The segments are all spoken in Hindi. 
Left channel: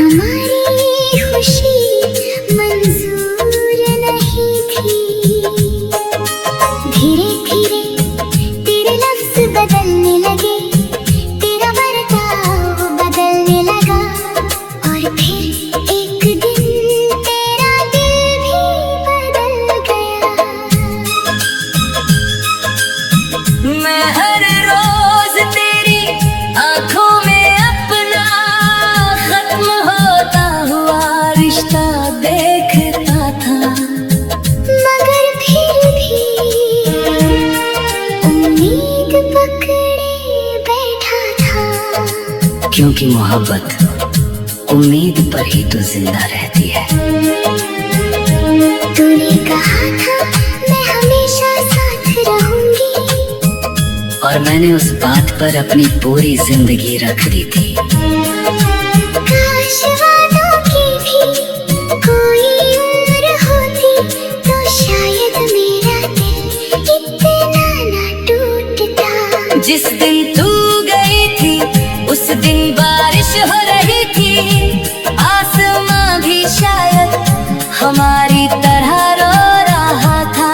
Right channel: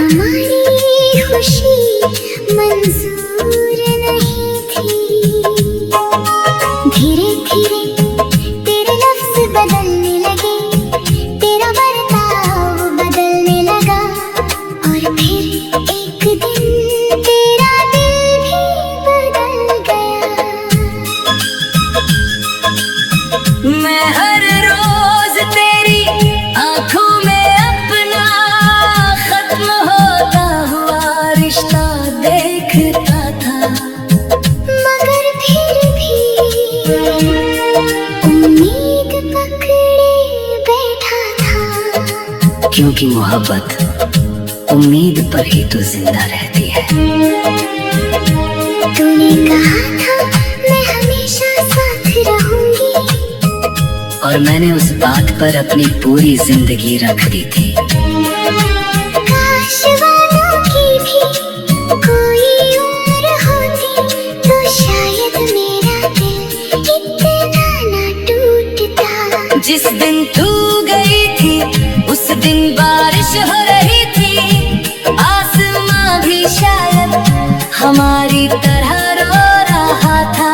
हमारी खुशी मंजूर नहीं थी। धीरे धीरे तेरे लफ्ज़ बदलने लगे, तेरा बर्ताव बदलने लगा, और फिर एक दिन तेरा दिल भी बदल गया। मैं हर रोज तेरी आंखों में अपना खत्म होता हुआ रिश्ता देखता था, मगर फिर भी उम्मीद पकड़े बैठा था। क्योंकि मोहब्बत उम्मीद पर ही तो जिंदा रहती है। तूने कहा था मैं हमेशा साथ रहूंगी, और मैंने उस बात पर अपनी पूरी जिंदगी रख दी थी। काश वादों की भी कोई उम्र होती, तो शायद मेरा दिल इतना ना टूटता। जिस दिन तू गई थी उस दिन बारिश हो रही थी, आसमां भी शायद हमारी तरह रो रहा था।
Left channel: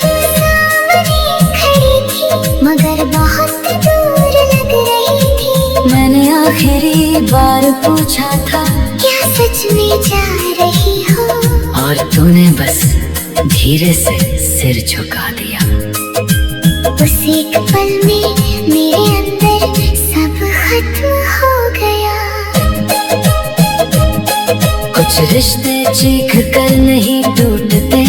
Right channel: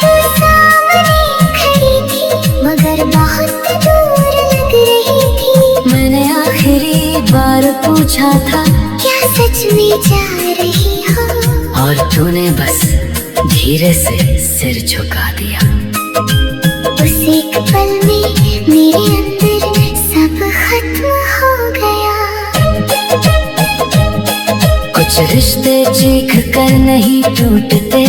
तू सामने खड़ी थी मगर बहुत दूर लग रही थी। मैंने आखिरी बार पूछा था क्या सच में जा रही हो? और तूने बस धीरे से सिर झुका दिया। उस एक पल में मेरे अंदर सब खत्म हो गया। कुछ रिश्ते चीख कर नहीं टूटते,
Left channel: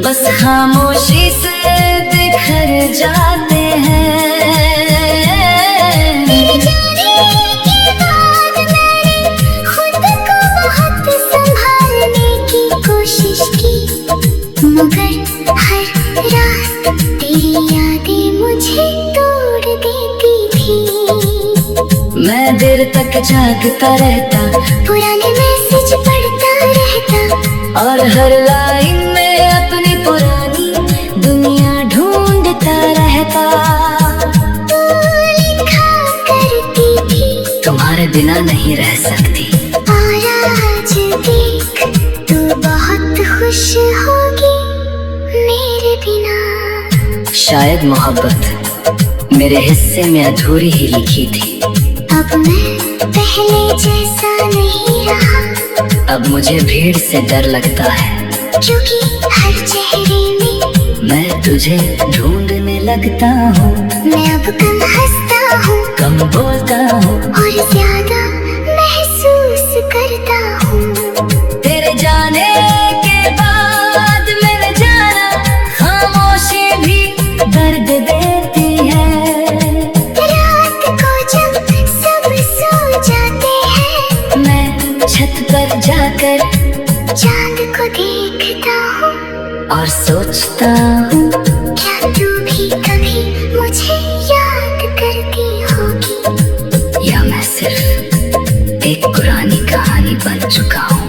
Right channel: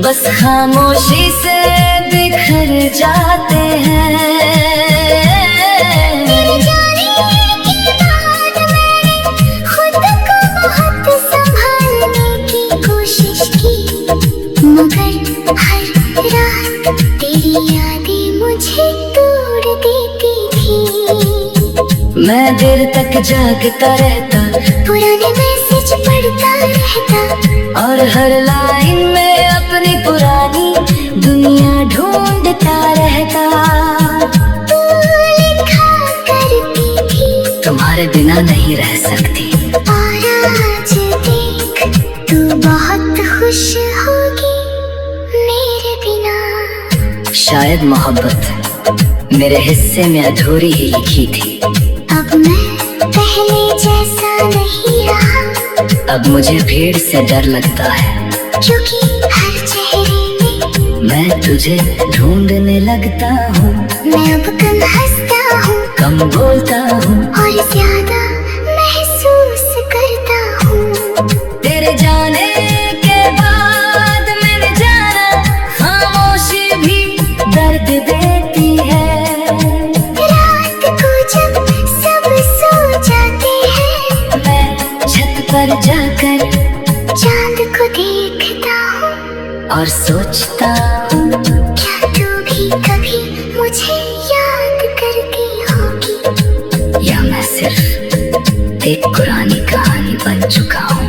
बस खामोशी से बिखर जाते हैं। तेरे जाने के बाद मैंने खुद को बहुत संभालने की कोशिश की, मगर हर रात तेरी यादें मुझे तोड़ देती थी। मैं देर तक जागता रहता, पुराने मैसेज पढ़ता रहता, और हर लाइन में अपनी पुरानी दुनिया ढूंढता रहता। तू लिखा करती थी तुम्हारे बिना नहीं रह सकती, और आज देख तू बहुत खुश होगी मेरे बिना। शायद मोहब्बत मेरे हिस्से में अधूरी ही लिखी थी। अब मैं पहले जैसा नहीं रहा, अब मुझे भीड़ से डर लगता है, क्योंकि हर चेहरे में मैं तुझे ढूंढने लगता हूँ। मैं अब कम हंसता हूँ कम बोलता हूँ और ज्यादा महसूस करता हूँ। तेरे जाने के बाद मेरे जाना खामोशी भी दर्द देती है। रात को जब सब सो जाते हैं, मैं छत पर जाकर चांद को देखता हूँ और सोचता हूँ क्या तू भी कभी मुझे याद करती होगी, या मैं सिर्फ एक पुरानी कहानी बन चुका हूँ।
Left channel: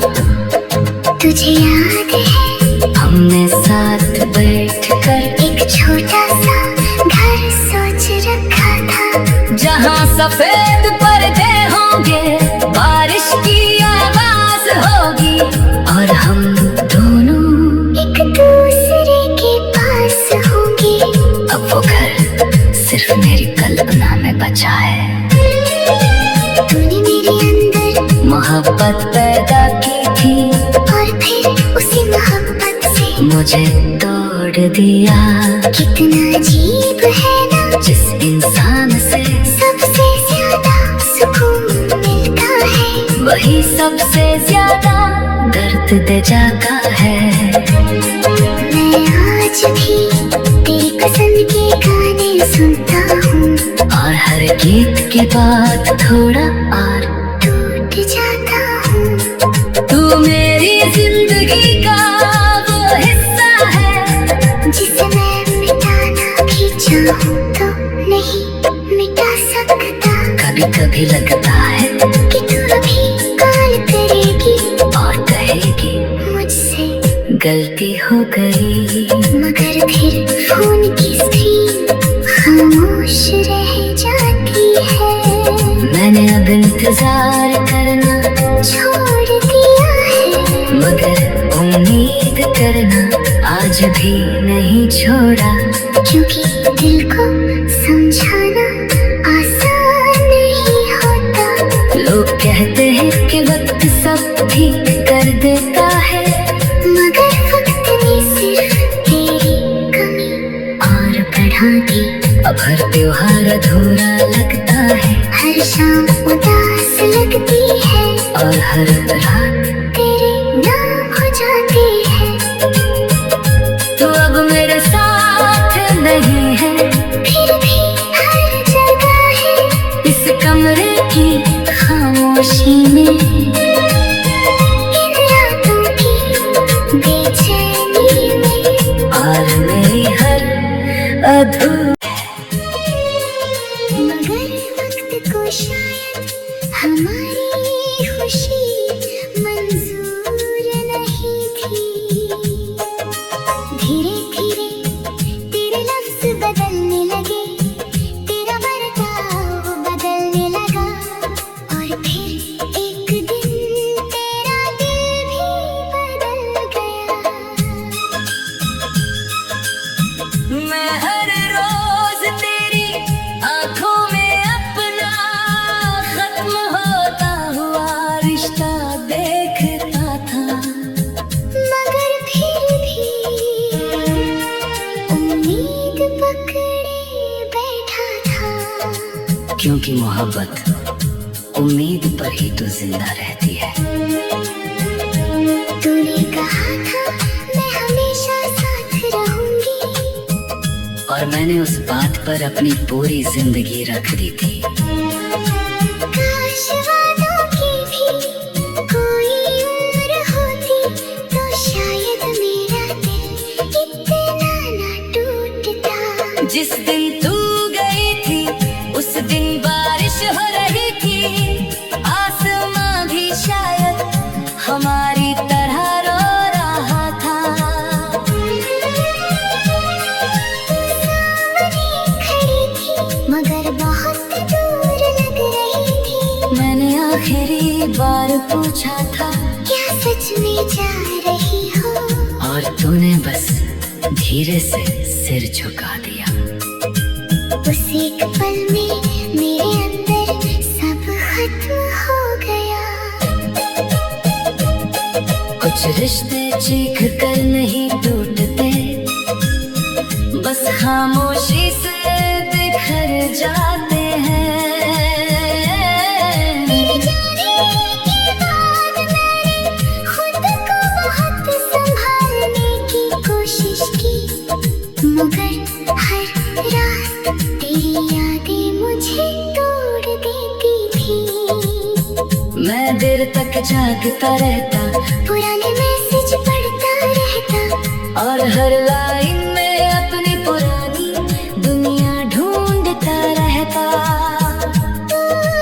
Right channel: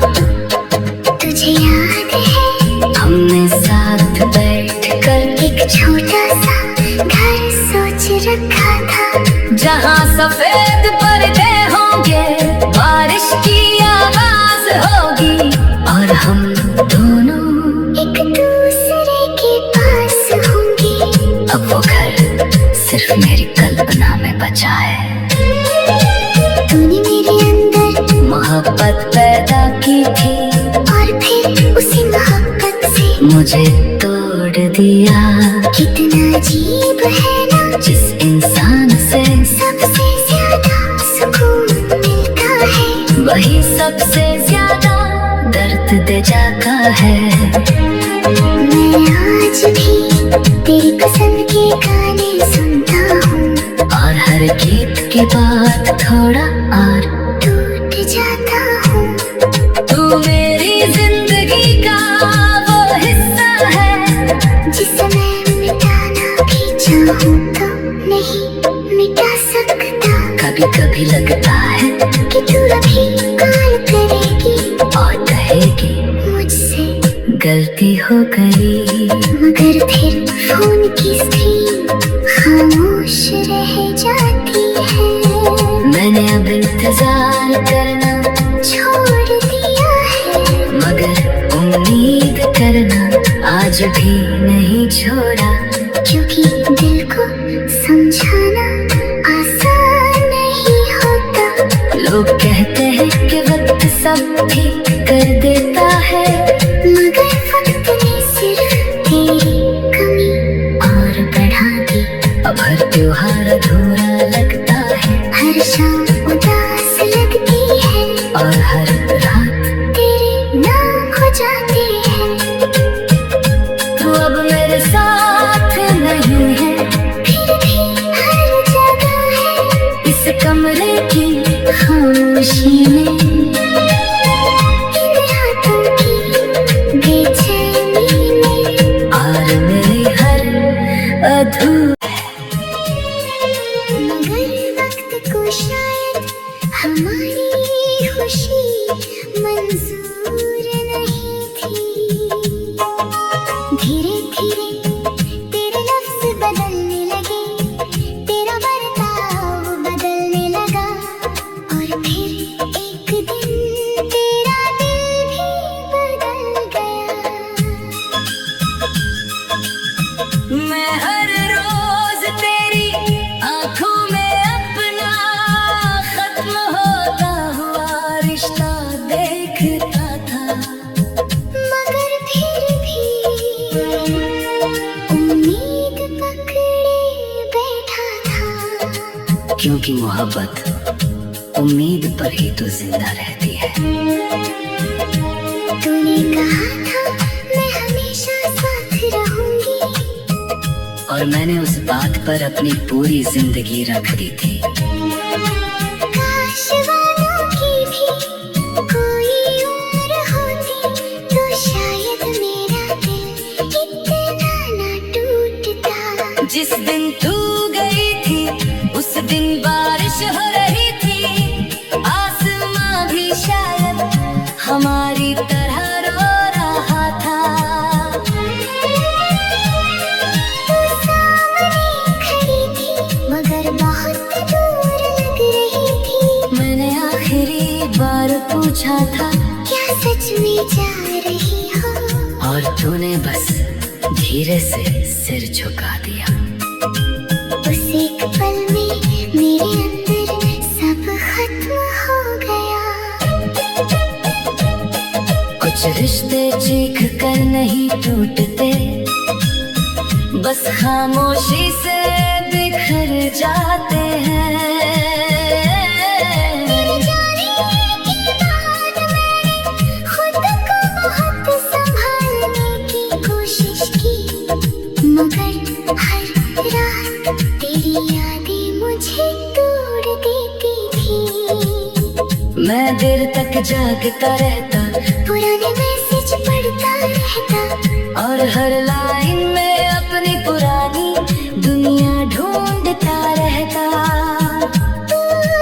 तुझे याद है हमने साथ बैठकर एक छोटा सा घर सोच रखा था, जहाँ सफेद पर्दे होंगे, बारिश की आवाज होगी, और हम दोनों एक दूसरे के पास होंगे। अब वो घर सिर्फ मेरी कल्पना में बचा है। तूने मेरे अंदर मोहब्बत पैदा की थी, और फिर उसी मोहब्बत से मुझे तोड़ दिया। कितना अजीब है ना, जिस इंसान से सबसे ज्यादा सुकून मिलता है, वही सबसे ज्यादा दर्द दे जाता है। मैं आज भी तेरी पसंद के गाने सुनता हूँ, और हर गीत के बाद थोड़ा और टूट जाता हूँ। तू मेरी जिंदगी का वो हिस्सा है, जिसे मैं मिटाना भी चाहूँ तो नहीं मिटा सकता। कभी कभी लगता है कि तू अभी कॉल करेगी और कहेगी मुझसे गलती हो गई, मगर फिर फोन की स्क्रीन खामोश रह जाती है। करना आज भी नहीं छोड़ा, क्योंकि दिल को समझाना आसान नहीं होता। लोग कहते हैं कि वक्त सब ठीक कर देता है, मगर वक्त ने सिर्फ तेरी कमी और बढ़ा दी। अब हर त्योहार अधूरा लगता है, हर शाम उदास लगती है और हर रात तेरे नाम हो जाती है। तू अब मेरे साथ नहीं है, फिर भी हर जगह है इस कमरे की खामोशी में, इन रातों की बेचैनी में। और मेरी हर अधूरी मगर वक्त को शायद हमारी खुशी मंजूर नहीं थी। धीरे धीरे तेरे लफ्ज बदलने लगे, तेरा बर्ताव बदलने लगा, और फिर एक दिन तेरा दिल भी बदल गया। मैं हर रोज तेरी आंखों में अपना खत्म होता हुआ रिश्ता देखता था, मगर फिर भी उम्मीद पकड़े बैठा था। क्योंकि मोहब्बत उम्मीद पर ही तो जिंदा रहती है। तूने कहा था मैं हमेशा साथ रहूंगी, और मैंने उस बात पर अपनी पूरी जिंदगी रख दी थी। काश वादों की भी कोई उम्र होती, तो शायद मेरा दिल इतना ना टूटता। जिस दिन तू गई थी उस दिन बारिश हो रही थी, आसमां भी शायद हमारी तरह रो रहा था। सामने खड़ी थी मगर बहुत दूर लग रही थी। मैंने आखिरी बार पूछा था, क्या सच में जा रही हो? और तूने बस धीरे से सिर झुका दिया। उस एक पल में मेरे अंदर सब खत्म हो गया। कुछ रिश्ते चीख कर नहीं टूटते, बस खामोशी से बिखर जाते हैं। तेरे जाने के बाद मैंने खुद को बहुत संभालने की कोशिश की, मगर हर रात तेरी यादें मुझे तोड़ देती थी। मैं देर तक जागता रहता, पुराने मैसेज पढ़ता रहता, और हर लाइन में अपनी पुरानी दुनिया ढूंढता रहता। तू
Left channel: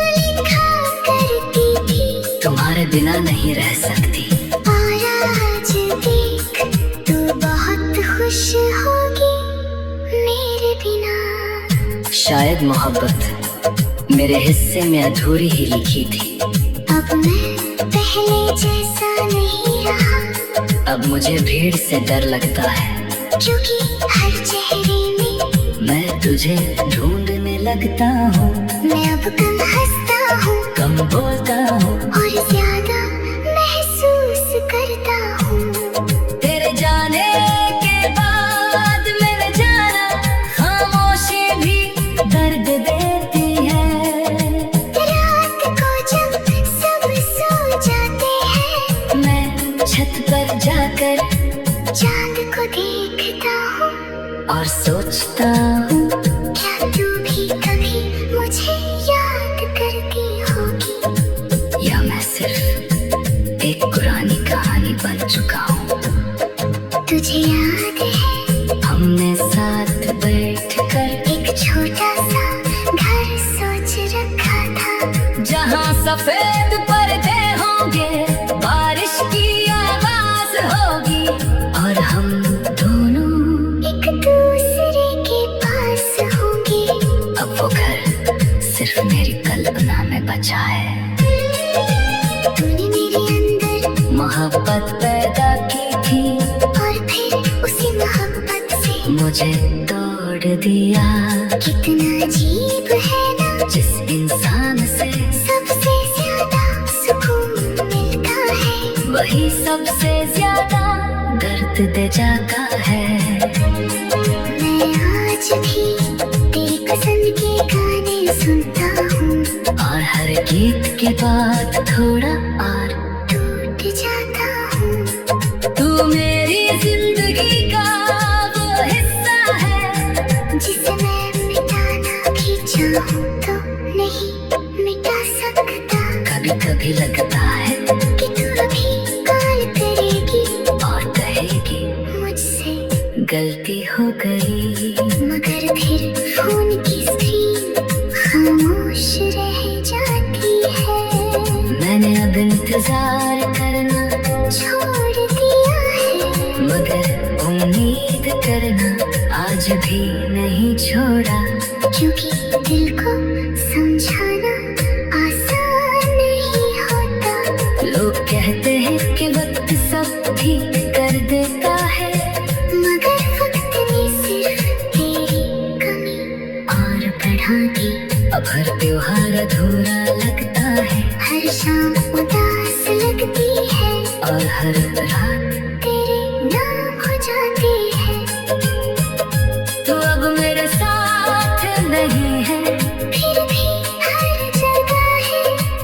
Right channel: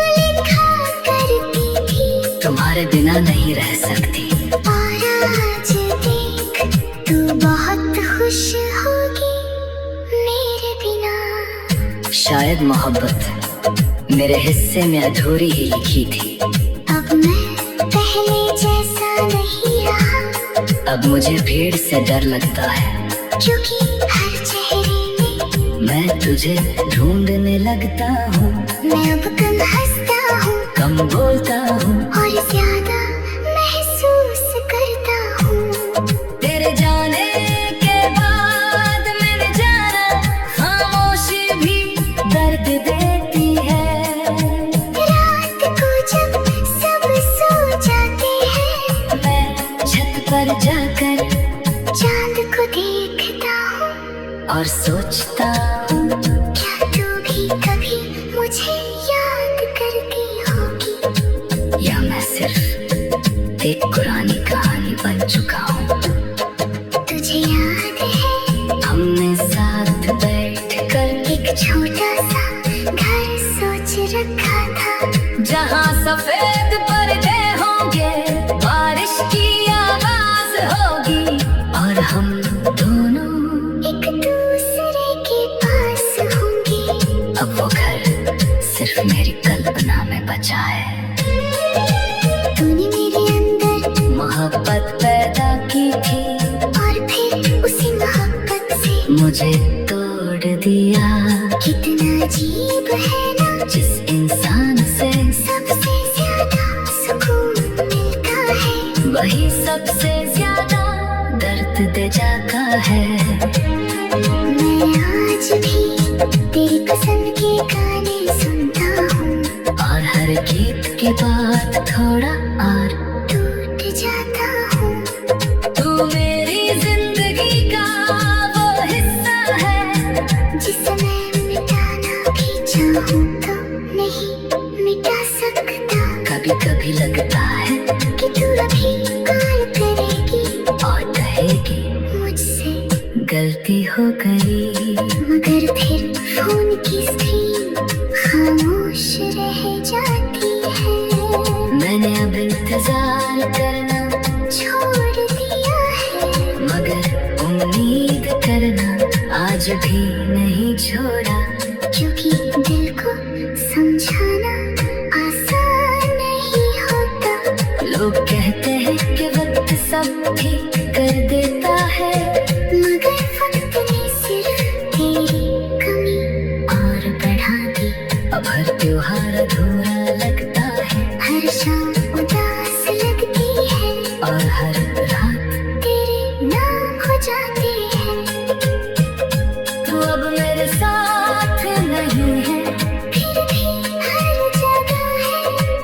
लिखा करती थी तुम्हारे बिना नहीं रह सकती, और आज देख तू बहुत खुश होगी मेरे बिना। शायद मोहब्बत मेरे हिस्से में अधूरी ही लिखी थी। अब मैं पहले जैसा नहीं रहा, अब मुझे भीड़ से डर लगता है, क्योंकि हर चेहरे में मैं तुझे ढूंढने लगता हूँ। मैं अब कम हंसता हूँ कम बोलता हूँ, और ज्यादा महसूस करता हूँ। तेरे जाने के बाद मेरे जाना खामोशी भी दर्द देती है। रात को जब सब सो जाते हैं, मैं छत पर जाकर चांद को देखता हूँ, और सोचता हूँ, क्या तू भी कभी मुझे याद करती होगी? या मैं सिर्फ एक पुरानी कहानी बन चुका हूँ। तुझे याद है हमने साथ बैठकर एक छोटा सा घर सोच रखा था, जहाँ सफेद पर्दे होंगे, बारिश की आवाज होगी, और हम दोनों एक दूसरे के पास होंगे। मुझे तोड़ दिया। कितना अजीब है ना, जिस इंसान से सबसे ज्यादा सुकून मिलता है, वही सबसे ज्यादा दर्द दे जाता है। मैं आज भी तेरी पसंद के गाने सुनता हूँ, और हर गीत के बाद थोड़ा और टूट जाता हूँ। तू मेरी जिंदगी का वो हिस्सा है, जिसे मैं मिटाना भी चाहूँ तो नहीं मिटा सकता। कभी कभी लगता है कि तू अभी कॉल करेगी और कहेगी मुझसे गलती हो गई, मगर फिर फोन की स्क्रीन खामोश रह जाती है। मैंने अब इंतजार करना छोड़ दिया है, मगर उम्मीद करना आज भी नहीं छोड़ा। क्योंकि दिल को समझाना आसान नहीं होता। लोग कहते हैं कि वक्त सब ठीक कर देता है, मगर वक्त ने सिर्फ तेरी कमी और बढ़ा दी। अब हर त्योहार अधूरा लगता है, हर शाम उदास लगती है, और हर रात तेरे नाम हो जाती है। तू अब मेरे साथ नहीं है, फिर भी हर जगह है,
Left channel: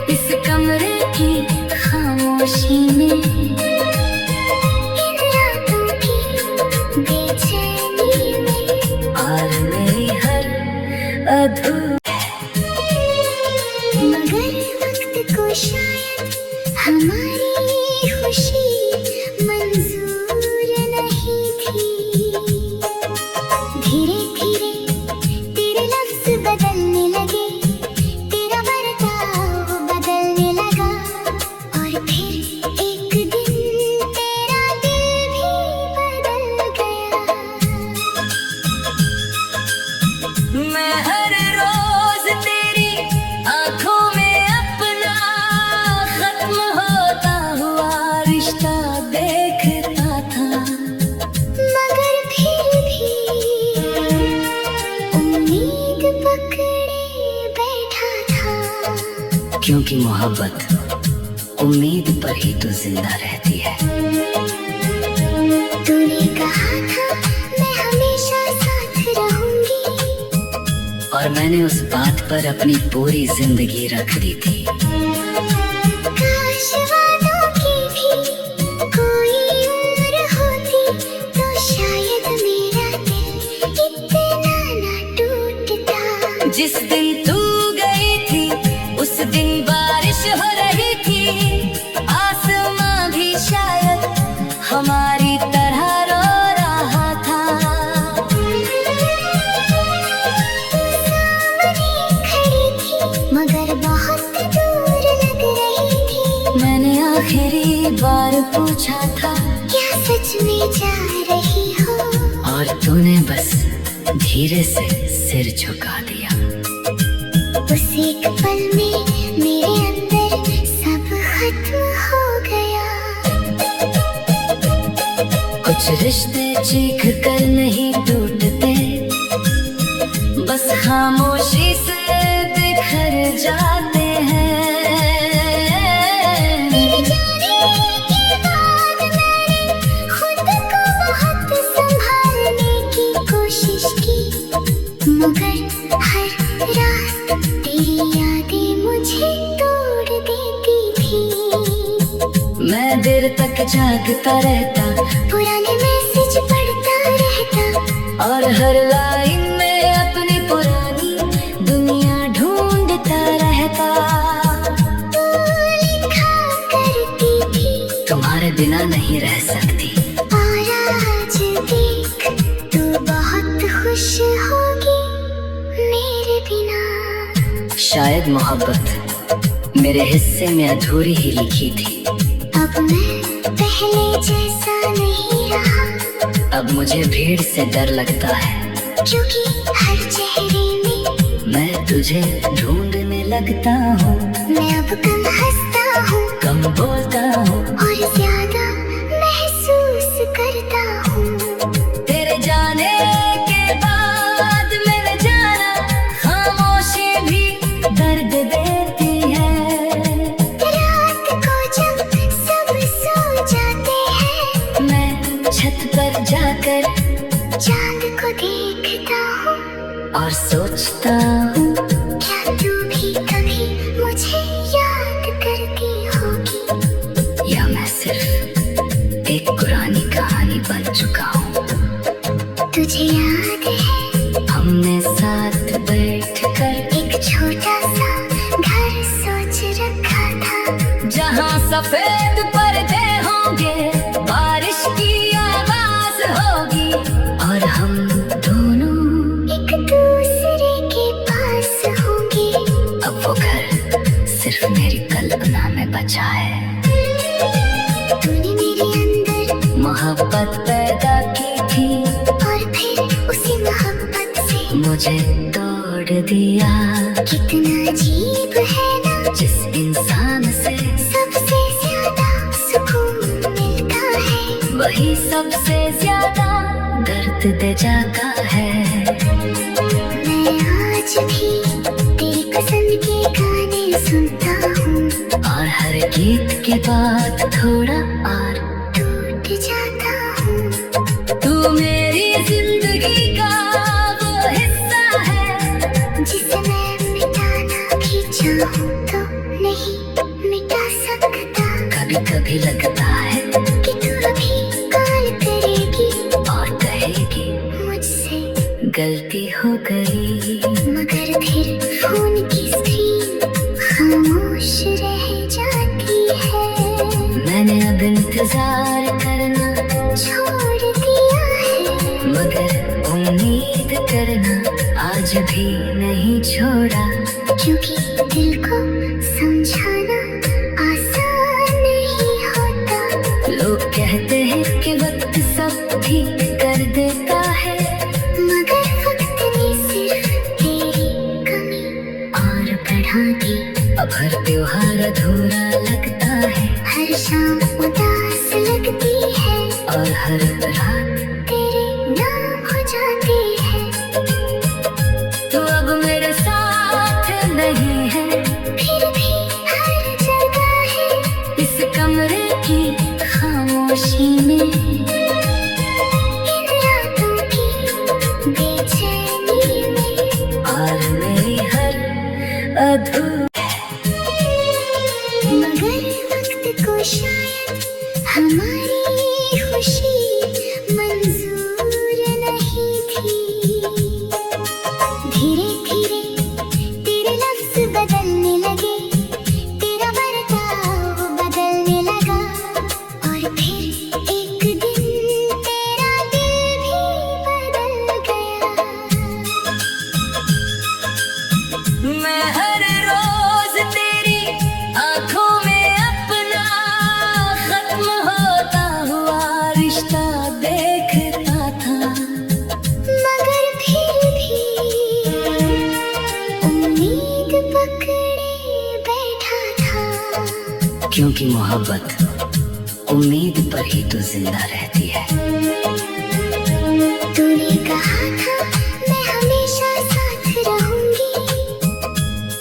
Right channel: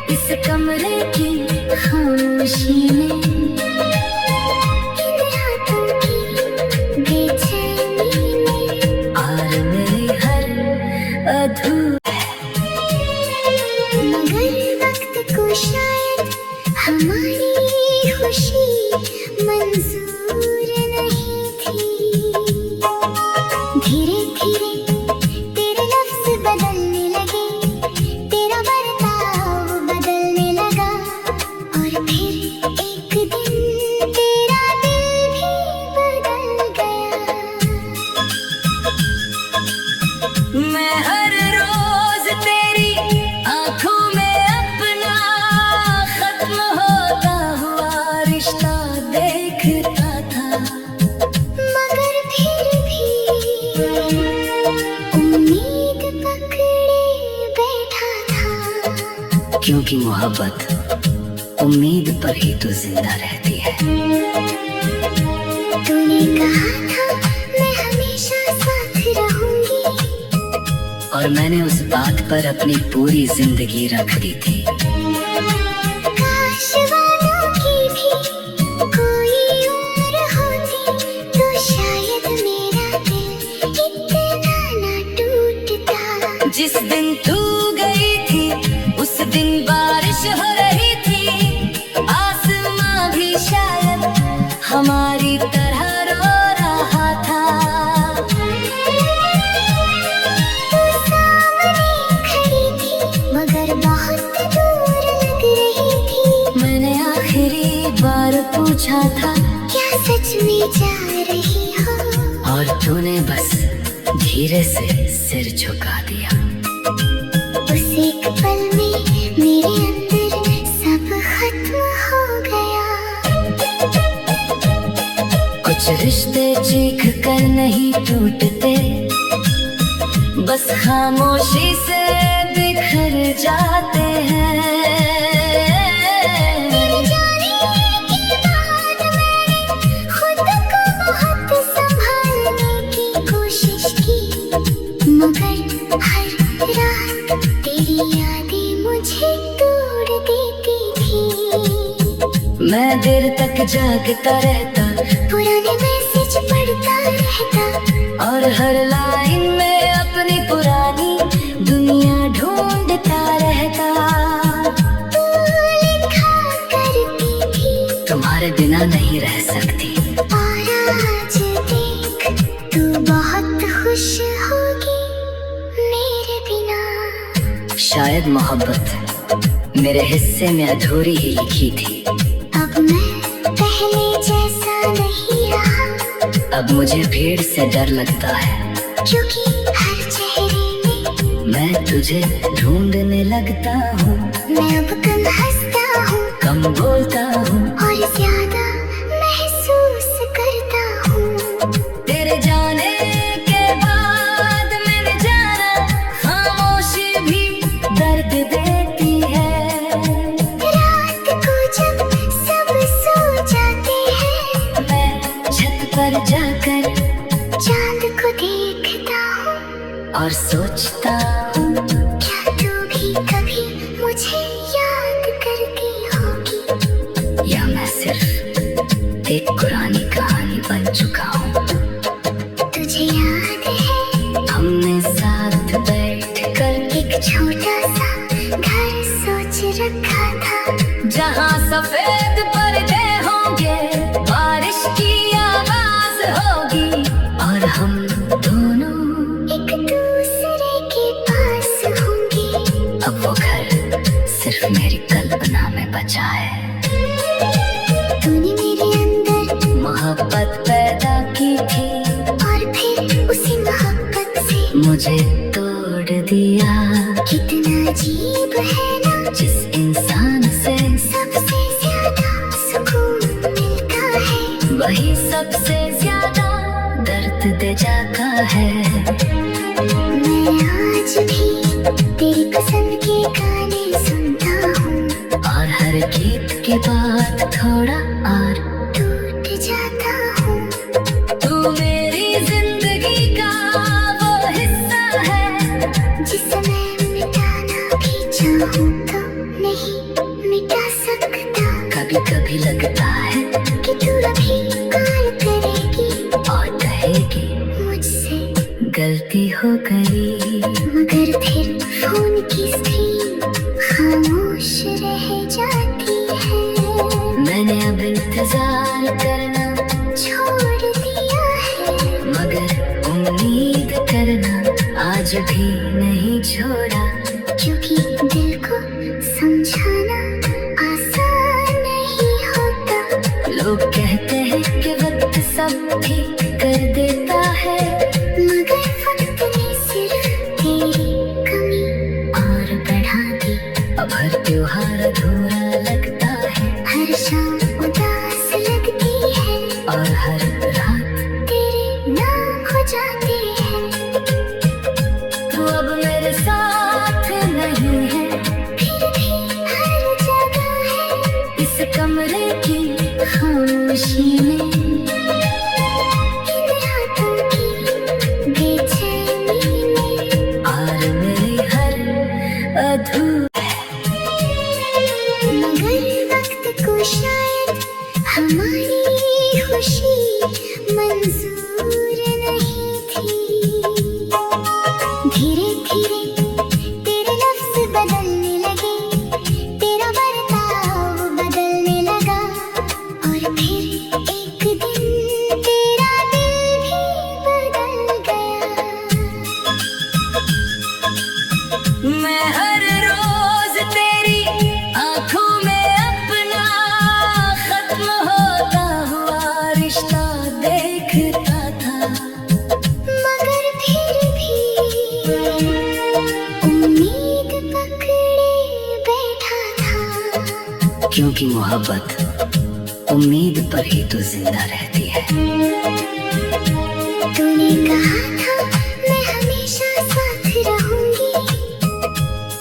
इस कमरे की खामोशी में, इन रातों की बेचैनी में। और मेरी हर मगर वक्त को शायद हमारी खुशी मंजूर नहीं थी। धीरे धीरे तेरे लफ्ज बदलने लगे, तेरा बर्ताव बदलने लगा, और फिर एक दिन तेरा दिल भी बदल गया। मैं हर रोज तेरी आंखों में अपना खत्म होता हुआ रिश्ता देखता था, मगर फिर भी उम्मीद पकड़े बैठा था। क्योंकि मोहब्बत उम्मीद पर ही तो जिंदा रहती है। तूने कहा था मैं हमेशा साथ रहूंगी, और मैंने उस बात पर अपनी पूरी जिंदगी रख दी थी। काश वादों की भी कोई उम्र होती, तो शायद मेरा दिल इतना ना टूटता। जिस दिन तू गई थी उस दिन बारिश हो रही थी, आसमां भी शायद हमारी तरह रो रहा था। तू सामने खड़ी थी, मगर बहुत दूर लग रही थी। मैंने आखिरी बार पूछा था, क्या सच में जा रही हो? और तूने बस धीरे से सिर झुका दिया। उस एक पल में मेरे अंदर सब खत्म हो गया। कुछ रिश्ते चीख कर नहीं टूटते, बस खामोशी से बिखर जाते हैं। तेरे जाने के बाद मैंने खुद को बहुत संभालने की कोशिश की, मगर हर रात तेरी यादें मुझे तोड़ देती थी। मैं देर तक जागता रहता, पुराने मैसेज पढ़ता रहता, और हर लाइन में अपनी पुरानी दुनिया ढूंढता रहता। तू लिखा करती थी, तुम्हारे बिना नहीं रह सकती, और आज देख तू बहुत खुश होगी मेरे बिना। शायद मोहब्बत मेरे हिस्से में अधूरी ही लिखी थी। अब मैं पहले जैसा नहीं रहा, अब मुझे भीड़ से डर लगता है, क्योंकि हर चेहरे में मैं तुझे ढूंढने लगता हूँ। मैं अब कम हंसता हूँ, कम बोलता हूँ, और ज्यादा महसूस करता हूँ। तेरे जाने देखता हूँ और सोचता हूँ क्या तू भी कभी मुझे याद करती होगी, या मैं सिर्फ एक पुरानी कहानी बन चुका हूँ। तुझे याद है हमने साथ बैठ कर एक छोटा सा घर सोच रखा था, जहाँ सफेद पर्दे होंगे, बारिश की आवाज होगी और हम दोनों एक दूसरे के पास होंगे। अब वो घर सिर्फ मेरी कल्पना में बचा है। तूने मेरे अंदर मोहब्बत पैदा की थी और फिर उसी मोहब्बत से मुझे तोड़ दिया। कितना अजीब है ना, जिस इंसान से सबसे ज्यादा सुकून मिलता है, वही सबसे ज्यादा दर्द दे जाता है। मैं आज भी तेरी पसंद के गाने सुनता हूँ और हर गीत के बाद थोड़ा और टूट जाता हूँ। तू मेरी जिंदगी का वो हिस्सा है, जिसे मैं मिटाना भी चाहूँ तो नहीं मिटा सकता। कभी कभी लगता है कि तू अभी कॉल करेगी और कहेगी मुझसे, गलती हो गई, मगर फिर फोन की स्क्रीन खामोश रह जाती है। मैंने अब इंतजार करना छोड़ दिया है, मगर उम्मीद करना आज भी नहीं छोड़ा। क्योंकि दिल को समझाना आसान नहीं होता। लोग कहते हैं कि वक्त सब ठीक कर देता है, मगर वक्त ने सिर्फ तेरी कमी और बढ़ा दी। अब हर त्योहार अधूरा लगता है हर शाम उदास लगती है, और हर रात तेरे नाम हो जाती है। तू अब मेरे साथ नहीं है, फिर भी हर जगह है इस कमरे की खामोशी में, इन रातों की बेचैनी में। और मेरी हर मगर वक्त को शायद हमारी खुशी मंजूर नहीं थी। धीरे धीरे तेरे लफ्ज बदलने लगे, तेरा बर्ताव बदलने लगा, और फिर एक दिन तेरा दिल भी बदल गया। मैं हर रोज तेरी आंखों में अपना खत्म होता हुआ रिश्ता देखता था, मगर फिर भी उम्मीद पकड़े बैठा था। क्योंकि मोहब्बत उम्मीद पर ही तो जिंदा रहती है। तूने कहा था मैं हमेशा साथ रहूंगी,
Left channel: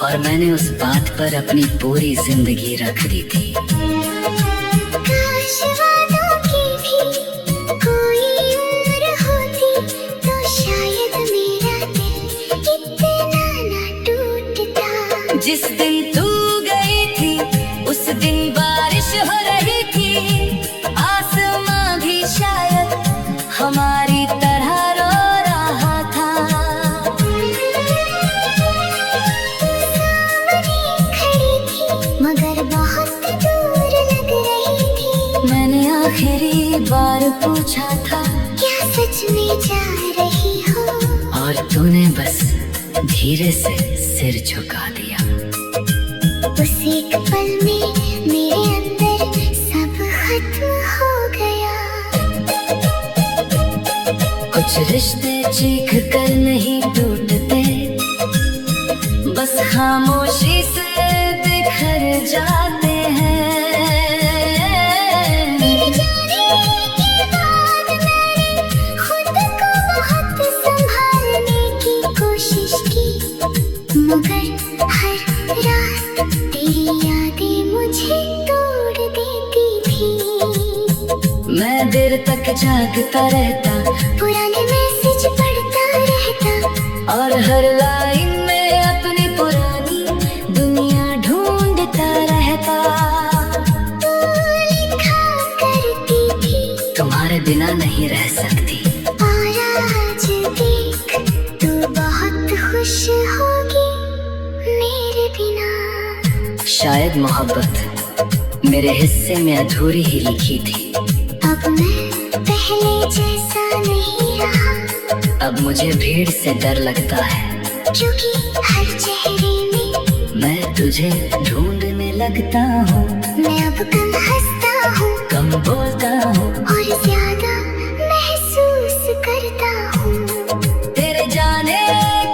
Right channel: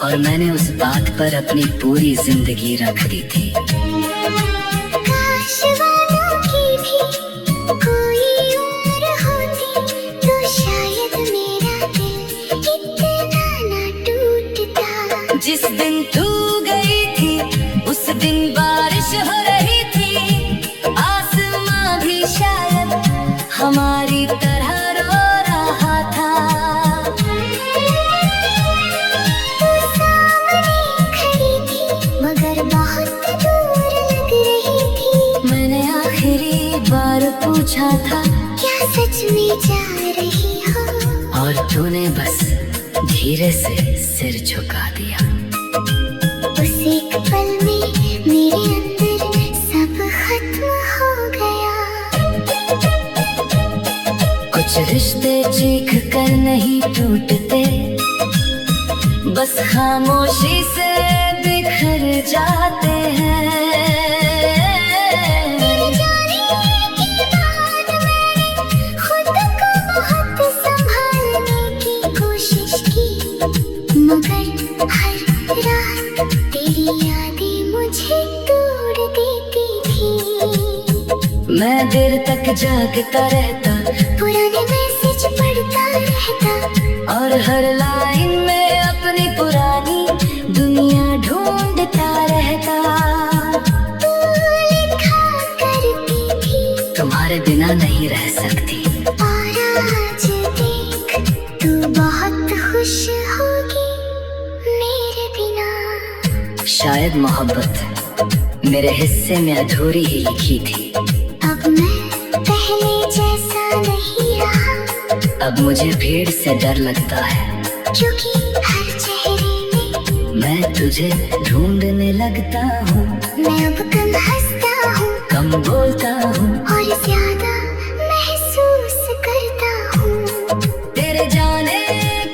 और मैंने उस बात पर अपनी पूरी जिंदगी रख दी थी। काश वादों की भी कोई उम्र होती, तो शायद मेरा दिल इतना ना टूटता। जिस दिन तू गई थी उस दिन बारिश हो रही थी, आसमां भी शायद हमारी तरह रो रहा था। सामने खड़ी थी मगर बहुत दूर लग रही थी। मैंने आखिरी बार पूछा था क्या सच में जा रही हो, और तूने बस धीरे से सिर झुका दिया। उस एक पल में मेरे अंदर सब खत्म हो गया। कुछ रिश्ते चीख कर नहीं टूटते, बस खामोशी से बिखर जाते हैं। तेरे जाने के बाद मैंने खुद को बहुत संभालने की कोशिश की, मगर हर रात तेरी यादें मुझे तोड़ देती थी। मैं देर तक जागता रहता, पुराने मैसेज पढ़ता हर लाइन में अपनी पुरानी दुनिया ढूंढता रहता। तू लिखा करती थी तुम्हारे बिना नहीं रह सकती। और आज देख तू बहुत खुश होगी मेरे बिना। शायद मोहब्बत मेरे हिस्से में अधूरी ही लिखी थी। अब मैं पहले जैसा नहीं रहा, अब मुझे भीड़ से डर लगता है, क्योंकि हर चेहरे में मैं तुझे ढूंढने लगता हूँ। मैं अब कम हंसता हूँ कम बोलता हूँ और ज्यादा महसूस करता हूँ। तेरे जाने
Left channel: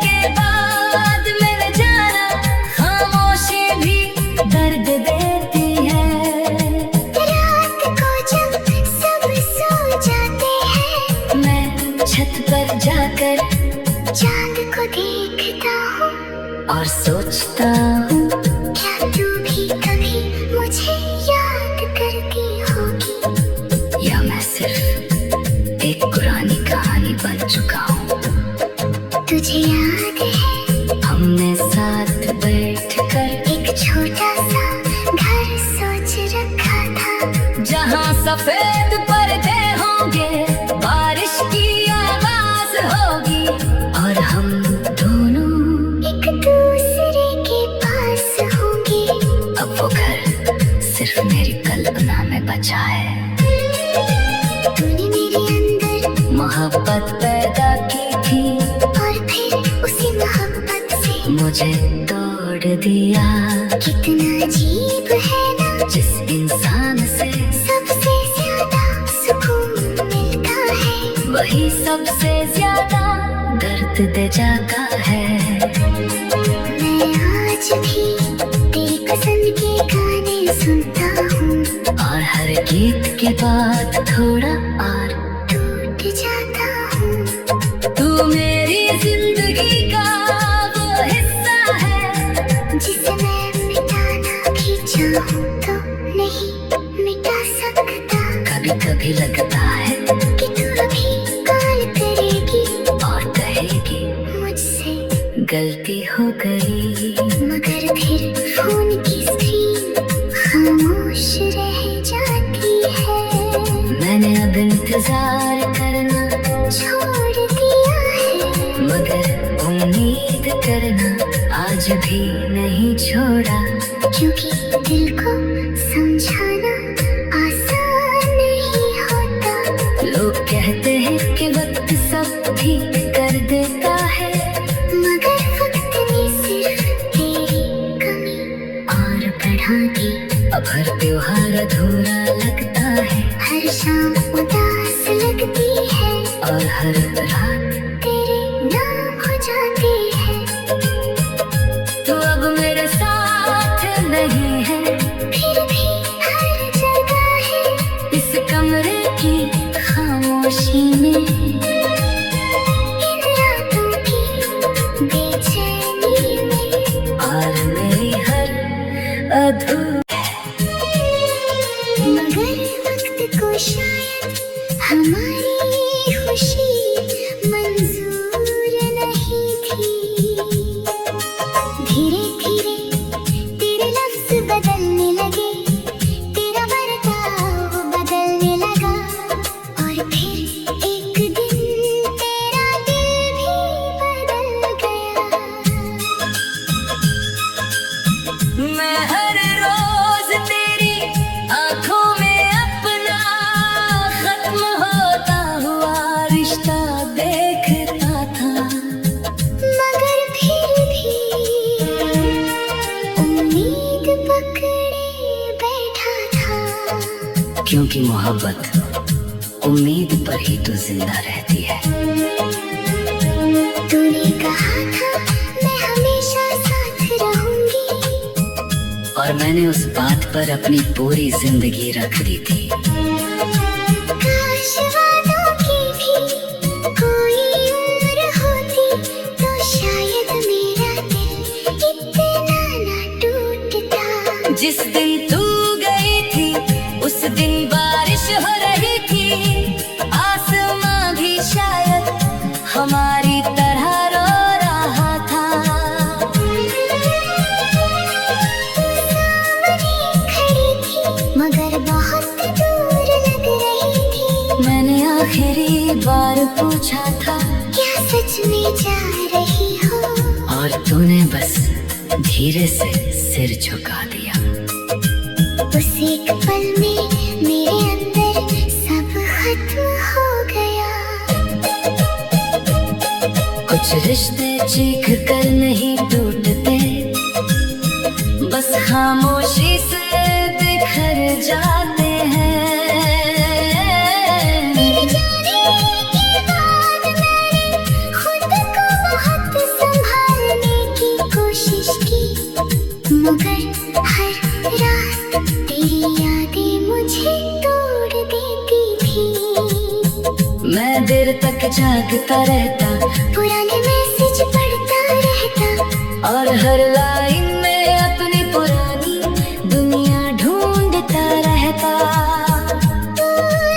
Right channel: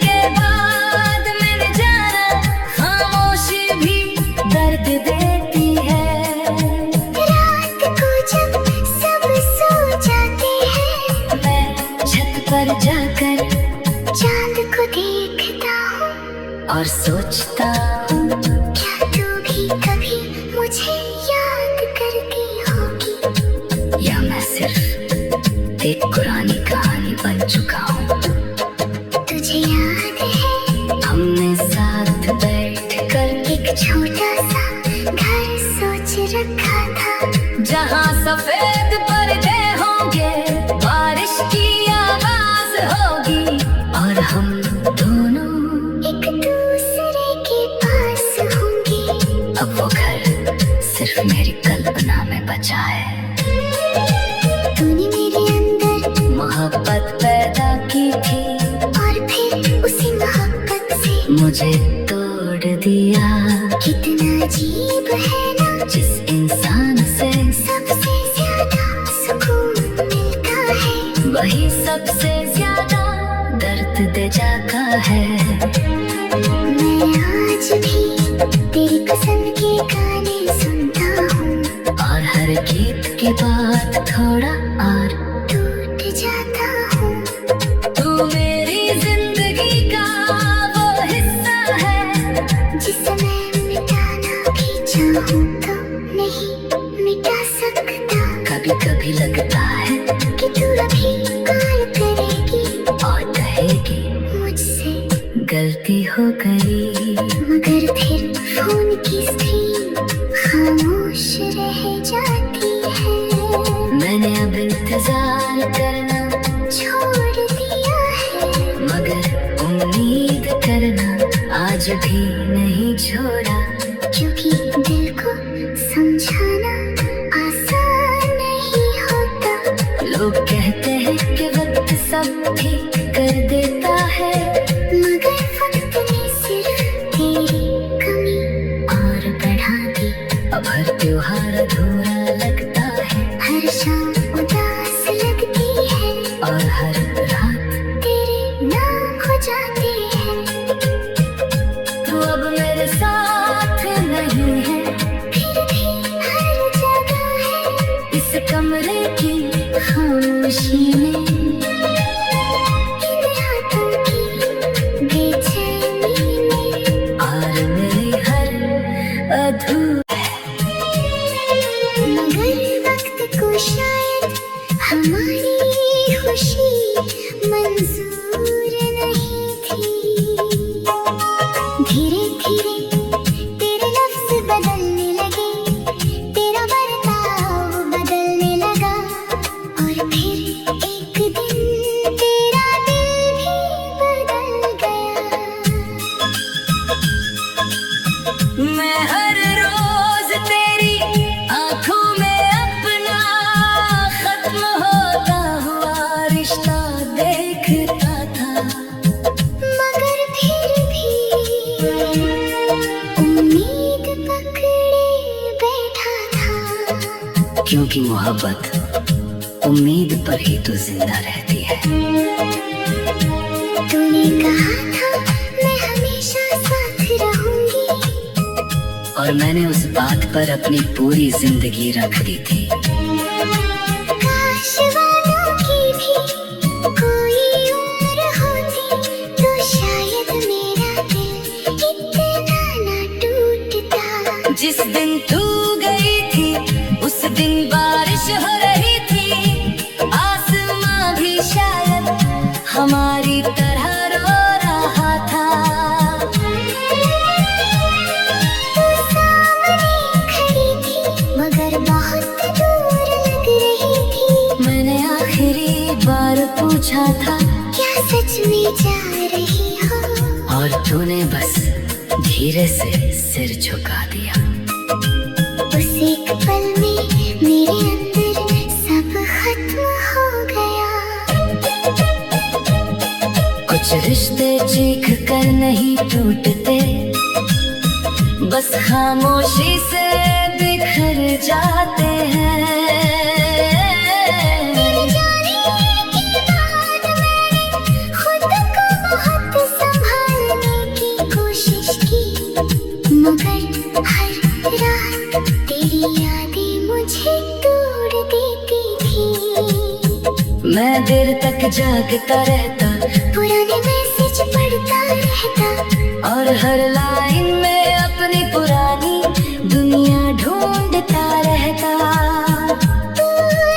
के बाद मेरे जाना खामोशी भी दर्द देती है। रात को जब सब सो जाते हैं, मैं छत पर जाकर चांद को देखता हूँ और सोचता हूँ, क्या तू भी कभी मुझे याद करती होगी, या मैं सिर्फ एक पुरानी कहानी बन चुका हूँ। तुझे याद है हमने साथ बैठकर एक छोटा सा घर सोच रखा था, जहाँ सफेद पर्दे होंगे, बारिश की आवाज होगी और हम दोनों एक दूसरे के पास होंगे। अब वो घर सिर्फ मेरी कल्पना में बचा है। तूने मेरे अंदर मोहब्बत पैदा की थी और फिर उसी मोहब्बत से मुझे तोड़ दिया। कितना अजीब है ना, जिस इंसान से सबसे ज्यादा सुकून मिलता है, वही सबसे ज्यादा दर्द दे जाता है। मैं आज भी तेरी पसंद के गाने सुनता हूँ और हर गीत के बाद थोड़ा और टूट जाता हूँ। तू मेरी जिंदगी का वो हिस्सा है, जिसे मैं मिटाना भी चाहूँ तो नहीं मिटा सकता। कभी कभी लगता है कि तू अभी कॉल करेगी और कहेगी मुझसे गलती हो गई, मगर फिर फोन की स्क्रीन खामोश रह जाती है। मैंने अब इंतजार करना छोड़ दिया है, मगर उम्मीद करना आज भी नहीं छोड़ा। क्योंकि दिल को समझाना आसान नहीं होता। लोग कहते हैं कि वक्त सब ठीक कर देता है, मगर वक्त ने सिर्फ तेरी कमी और बढ़ा दी। अब हर त्योहार अधूरा लगता है हर शाम उदास लगती है, और हर रात तेरे नाम हो जाती है। तू अब मेरे साथ नहीं है, फिर भी हर जगह है इस कमरे की खामोशी में, इन रातों की बेचैनी में। और मेरी हर मगर वक्त को शायद हमारी खुशी मंजूर नहीं थी। धीरे धीरे तेरे लफ्ज बदलने लगे, तेरा बर्ताव बदलने लगा, और फिर एक दिन तेरा दिल भी बदल गया। मैं हर रोज तेरी आंखों में अपना खत्म होता हुआ रिश्ता देखता था, मगर फिर भी उम्मीद पकड़े बैठा था। क्योंकि मोहब्बत उम्मीद पर ही तो जिंदा रहती है। तूने कहा था मैं हमेशा साथ रहूंगी, और मैंने उस बात पर अपनी पूरी जिंदगी रख दी थी। काश वादों की भी कोई उम्र होती, तो शायद मेरा दिल इतना ना टूटता। जिस दिन तू गई थी उस दिन बारिश हो रही थी, आसमां भी शायद हमारी तरह रो रहा जा रही हो और तूने बस धीरे से सिर झुका दिया। उस एक पल में मेरे अंदर सब खत्म हो गया। कुछ रिश्ते चीख कर नहीं टूटते, बस खामोशी से बिखर जाते हैं। तेरे जाने के बाद मैंने खुद को बहुत संभालने की कोशिश की, मगर हर रात तेरी यादें मुझे तोड़ देती थी। मैं देर तक जागता रहता, पुराने मैसेज पढ़ता रहता, और हर लाइन में अपनी पुरानी दुनिया ढूंढता रहता। तू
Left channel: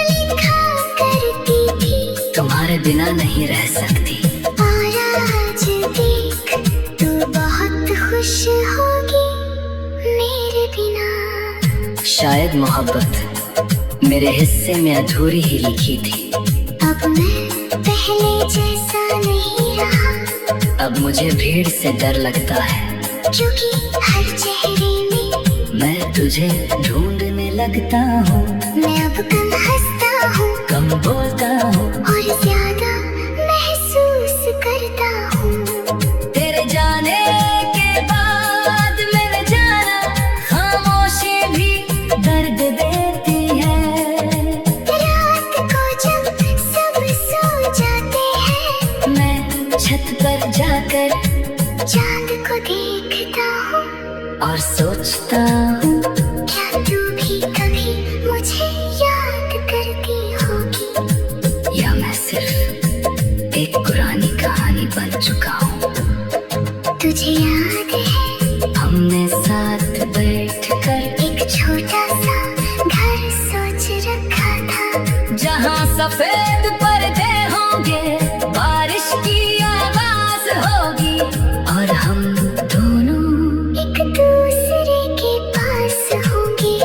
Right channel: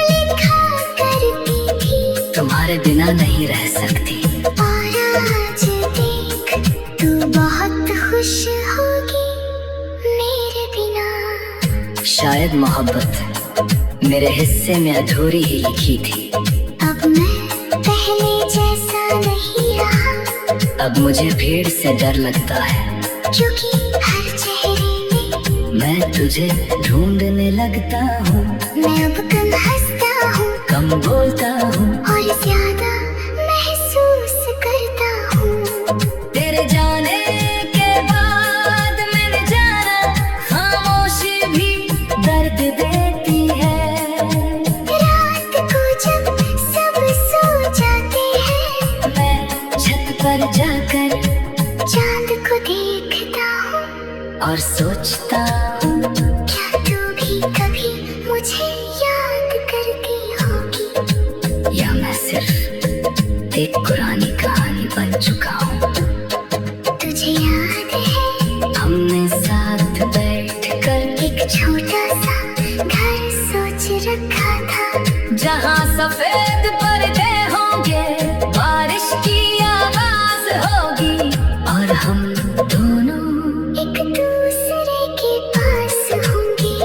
लिखा करती थी तुम्हारे बिना नहीं रह सकती, और आज देख तू बहुत खुश होगी मेरे बिना। शायद मोहब्बत मेरे हिस्से में अधूरी ही लिखी थी। अब मैं पहले जैसा नहीं रहा, अब मुझे भीड़ से डर लगता है, क्योंकि हर चेहरे में मैं तुझे ढूंढने लगता हूँ। मैं अब कम हंसता हूँ कम बोलता हूँ और ज्यादा महसूस करता हूँ। तेरे जाने के बाद मेरे जाना, खामोशी भी दर्द देती है। रात को जब सब सो जाते हैं, मैं छत पर जाकर चांद को देखता हूँ और सोचता हूँ, क्या तू भी कभी मुझे याद करती होगी, या मैं सिर्फ एक पुरानी कहानी बन चुका हूँ। तुझे याद है हमने साथ बैठकर एक छोटा सा घर सोच रखा था, जहाँ सफेद पर्दे होंगे, बारिश की आवाज होगी, और हम दोनों एक दूसरे के पास होंगे।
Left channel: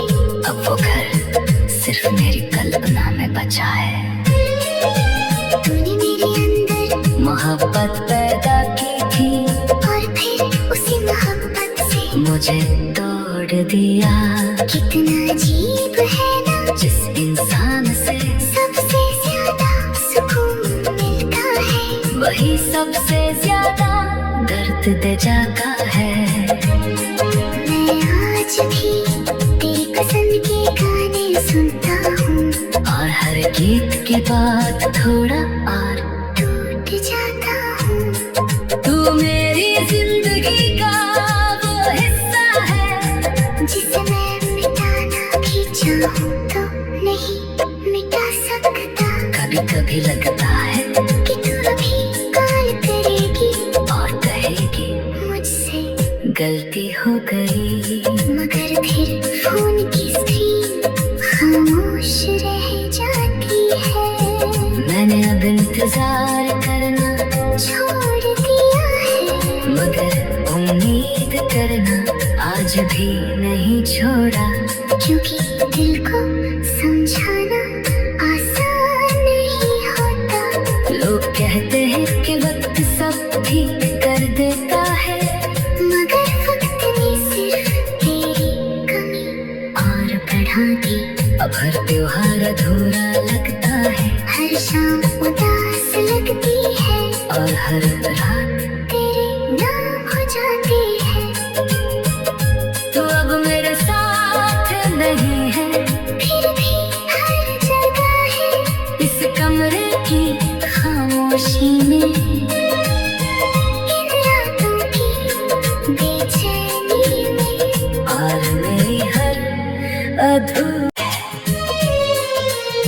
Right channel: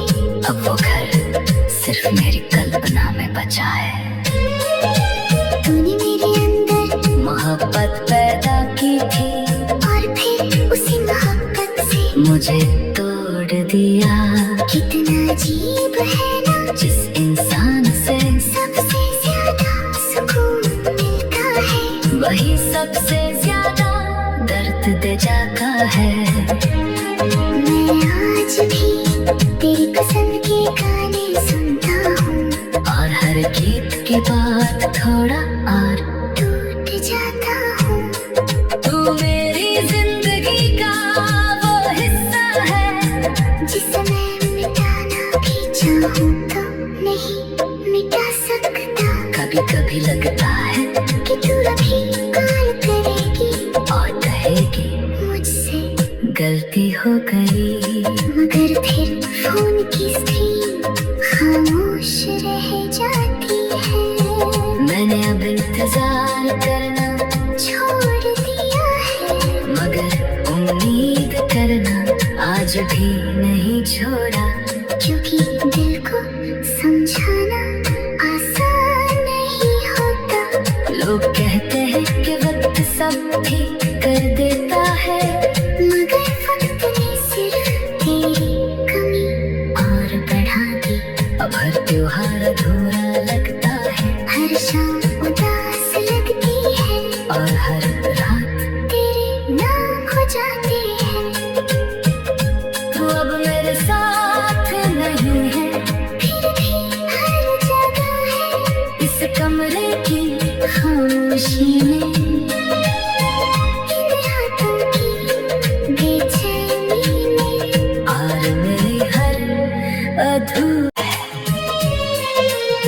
अब वो घर सिर्फ मेरी कल्पना में बचा है। तूने मेरे अंदर मोहब्बत पैदा की थी, और फिर उसी मोहब्बत से मुझे तोड़ दिया। कितना अजीब है ना, जिस इंसान से सबसे ज्यादा सुकून मिलता है, वही सबसे ज्यादा दर्द दे जाता है। मैं आज भी तेरी पसंद के गाने सुनता हूँ, और हर गीत के बाद थोड़ा और टूट जाता हूँ। तू मेरी जिंदगी का वो हिस्सा है, जिसे मैं मिटाना भी चाहूँ तो नहीं मिटा सकता। कभी कभी लगता है कि तू अभी कॉल करेगी और कहेगी मुझसे, गलती हो गई, मगर फिर फोन की स्क्रीन खामोश रह जाती है। मैंने अब इंतजार करना छोड़ दिया है, मगर उम्मीद करना आज भी नहीं छोड़ा। क्योंकि दिल को समझाना आसान नहीं होता। लोग कहते हैं कि वक्त सब ठीक कर देता है, मगर वक्त ने सिर्फ तेरी कमी और बढ़ा दी। अब हर त्योहार अधूरा लगता है, हर शाम उदास लगती है, और हर रात तेरे नाम हो जाती है। तू अब मेरे साथ नहीं है, फिर भी हर जगह है इस कमरे की खामोशी में, इन रातों की बेचैनी में। और मेरी हर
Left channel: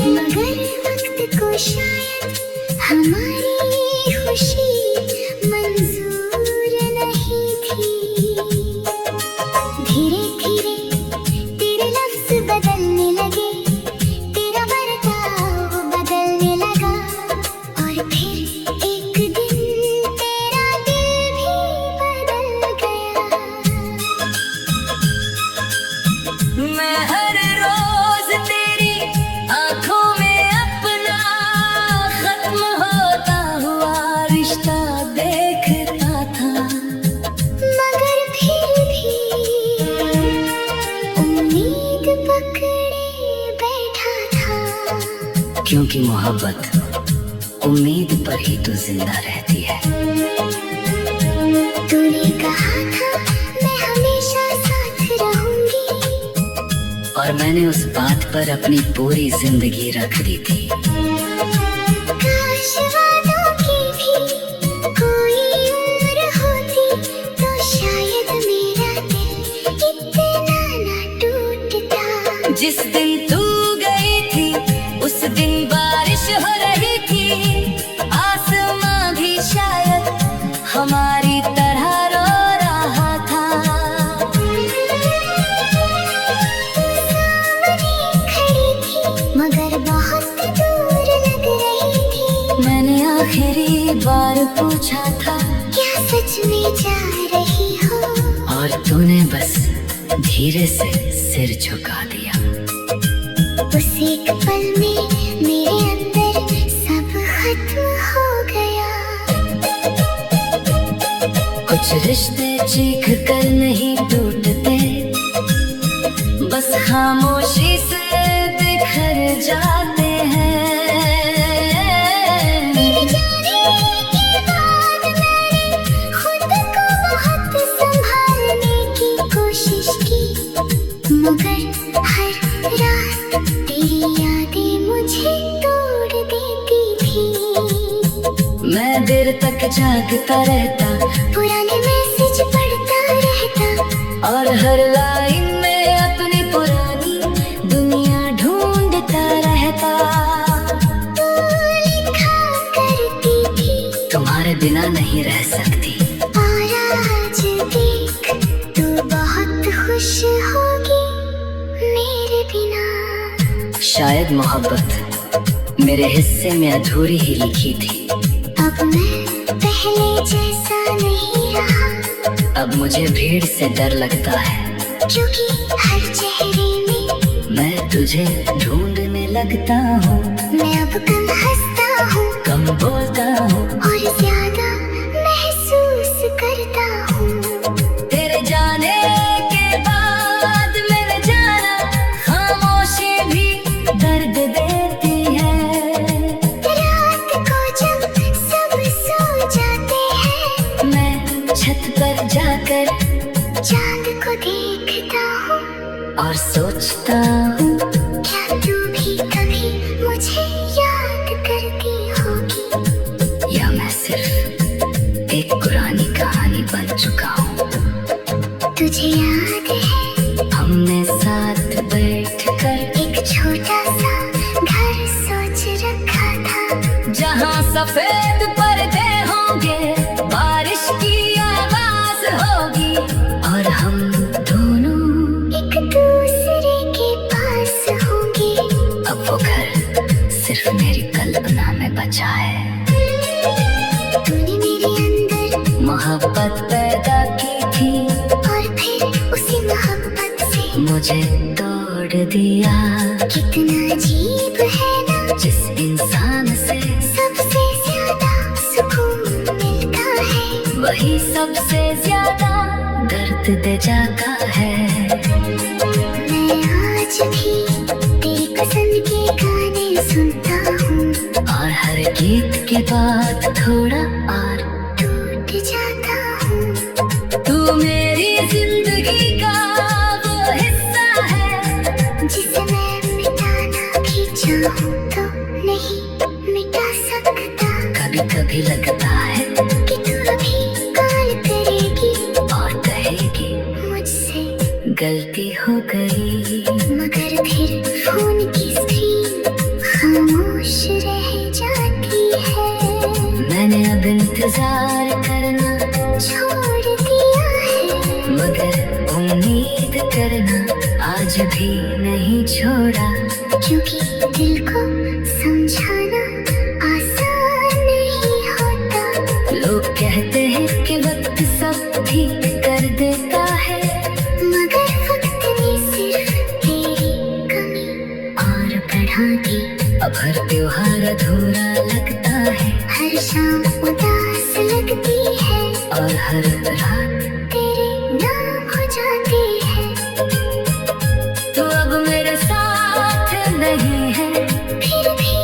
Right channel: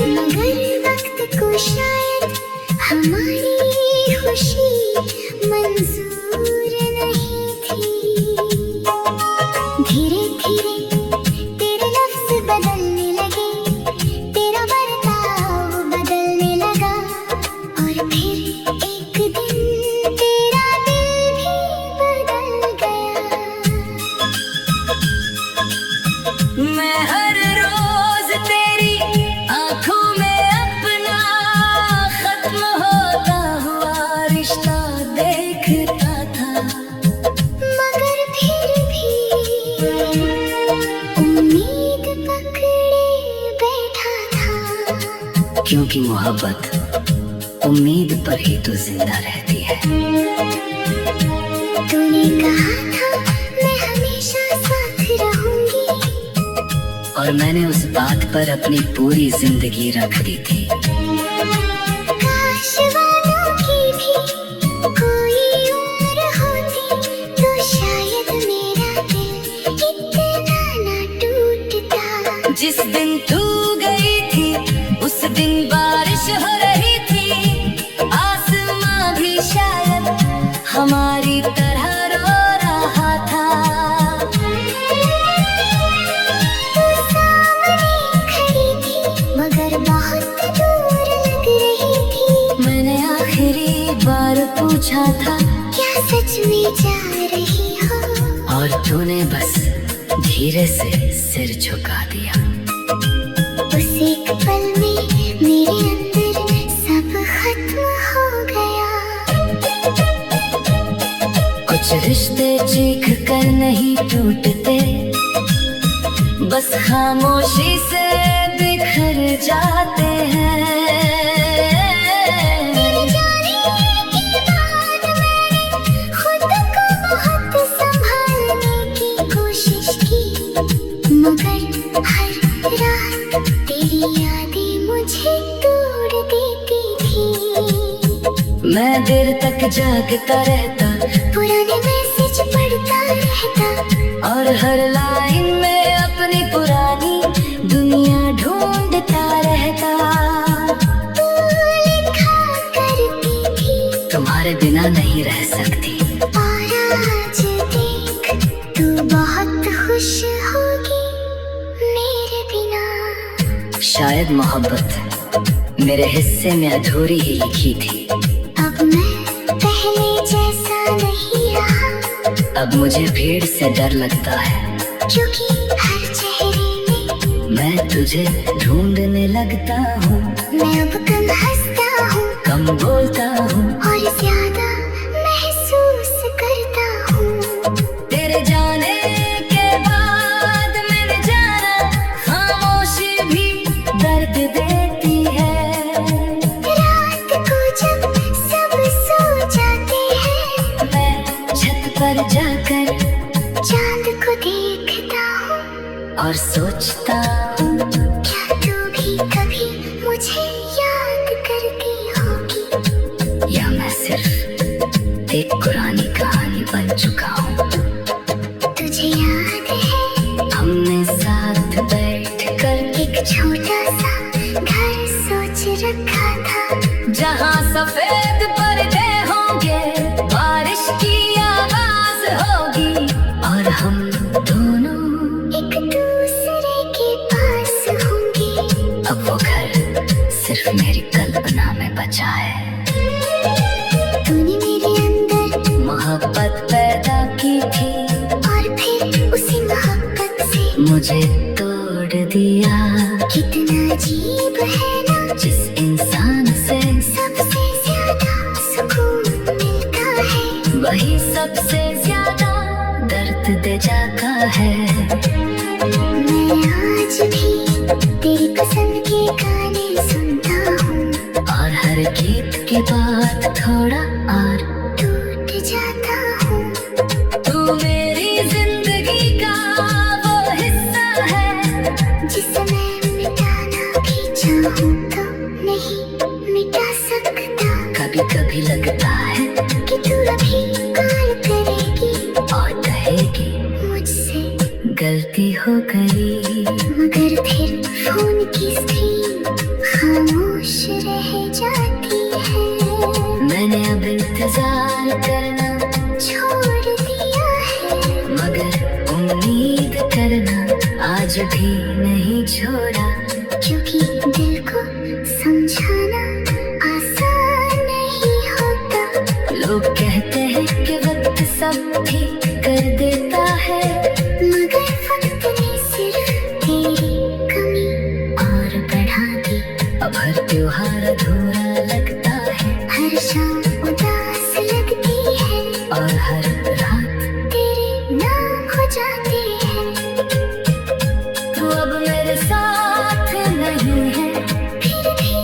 मगर वक्त को शायद हमारी खुशी मंजूर नहीं थी। धीरे धीरे तेरे लफ्ज बदलने लगे, तेरा बर्ताव बदलने लगा, और फिर एक दिन तेरा दिल भी बदल गया। मैं हर रोज तेरी आंखों में अपना खत्म होता हुआ रिश्ता क्योंकि मोहब्बत उम्मीद पर ही तो जिंदा रहती है। तूने कहा था मैं हमेशा साथ रहूंगी, और मैंने उस बात पर अपनी पूरी जिंदगी रख दी थी। काश वादों की भी कोई उम्र होती, तो शायद मेरा दिल इतना ना टूटता। जिस दिन तू गई थी उस दिन बारिश हो रही थी, आसमां भी शायद हमारी तरह रो रहा था। तू सामने खड़ी थी मगर बहुत दूर लग रही थी। मैंने आखिरी बार पूछा था क्या सच में जा रही हो, और तूने बस धीरे से सिर झुका दिया। उस एक पल में मेरे अंदर सब खत्म हो गया। कुछ रिश्ते चीख कर नहीं टूटते, बस खामोशी से बिखर जाते हैं। तेरे जाने के बाद मैंने खुद को बहुत संभालने की कोशिश की, मगर हर रात तेरी यादें मुझे तोड़ देती थी। मैं देर तक जागता रहता, पुराने मैसेज पढ़ता रहता, और हर लाइन में अपनी पुरानी दुनिया ढूंढता रहता। तू लिखा करती थी तुम्हारे बिना नहीं रह सकती, और आज देख तू बहुत खुश होगी मेरे बिना। शायद मोहब्बत मेरे हिस्से में अधूरी ही लिखी थी। अब मैं पहले जैसा नहीं रहा, अब मुझे भीड़ से डर लगता है, क्योंकि हर चेहरे में मैं तुझे ढूंढने लगता हूँ। मैं अब कम हंसता हूँ कम बोलता हूँ, और ज्यादा महसूस करता हूँ। तेरे जाने के बाद मेरे जाना खामोशी भी दर्द देती है। रात को जब सब सो जाते हैं, मैं छत पर जाकर चांद को देखता हूँ, और सोचता हूँ क्या तू भी कभी मुझे याद करती होगी, या मैं सिर्फ एक पुरानी कहानी बन चुका हूँ। तुझे याद है हमने साथ बैठकर एक छोटा सा घर सोच रखा था, जहाँ सफेद पर्दे होंगे, बारिश की आवाज होगी, और हम दोनों एक दूसरे के पास होंगे। अब वो घर सिर्फ मेरी कल्पना में बचा है। तूने मेरे अंदर मोहब्बत पैदा की थी, और फिर उसी मोहब्बत से मुझे तोड़ दिया। कितना अजीब है ना, जिस इंसान से सबसे ज्यादा सुकून मिलता है, वही सबसे ज्यादा दर्द दे जाता है। मैं आज भी तेरी पसंद के गाने सुनता हूँ, और हर गीत के बाद थोड़ा और टूट जाता हूँ। तू मेरी जिंदगी का वो हिस्सा है, जिसे मैं मिटाना भी चाहूँ तो नहीं मिटा सकता। कभी कभी लगता है कि तू अभी प्यार करेगी और कहेगी मुझसे, गलती हो गई, मगर फिर फोन की स्क्रीन खामोश रह जाती है। मैंने अब इंतजार करना छोड़ दिया है, मगर उम्मीद करना आज भी नहीं छोड़ा। क्योंकि दिल को समझाना आसान नहीं होता। लोग कहते हैं कि वक्त सब ठीक कर देता है, मगर वक्त ने सिर्फ तेरी कमी और बढ़ा दी। अब हर त्योहार अधूरा लगता है, हर शाम उदास लगती है, और हर रात तेरे नाम हो जाती है। तू अब मेरे साथ नहीं है, फिर भी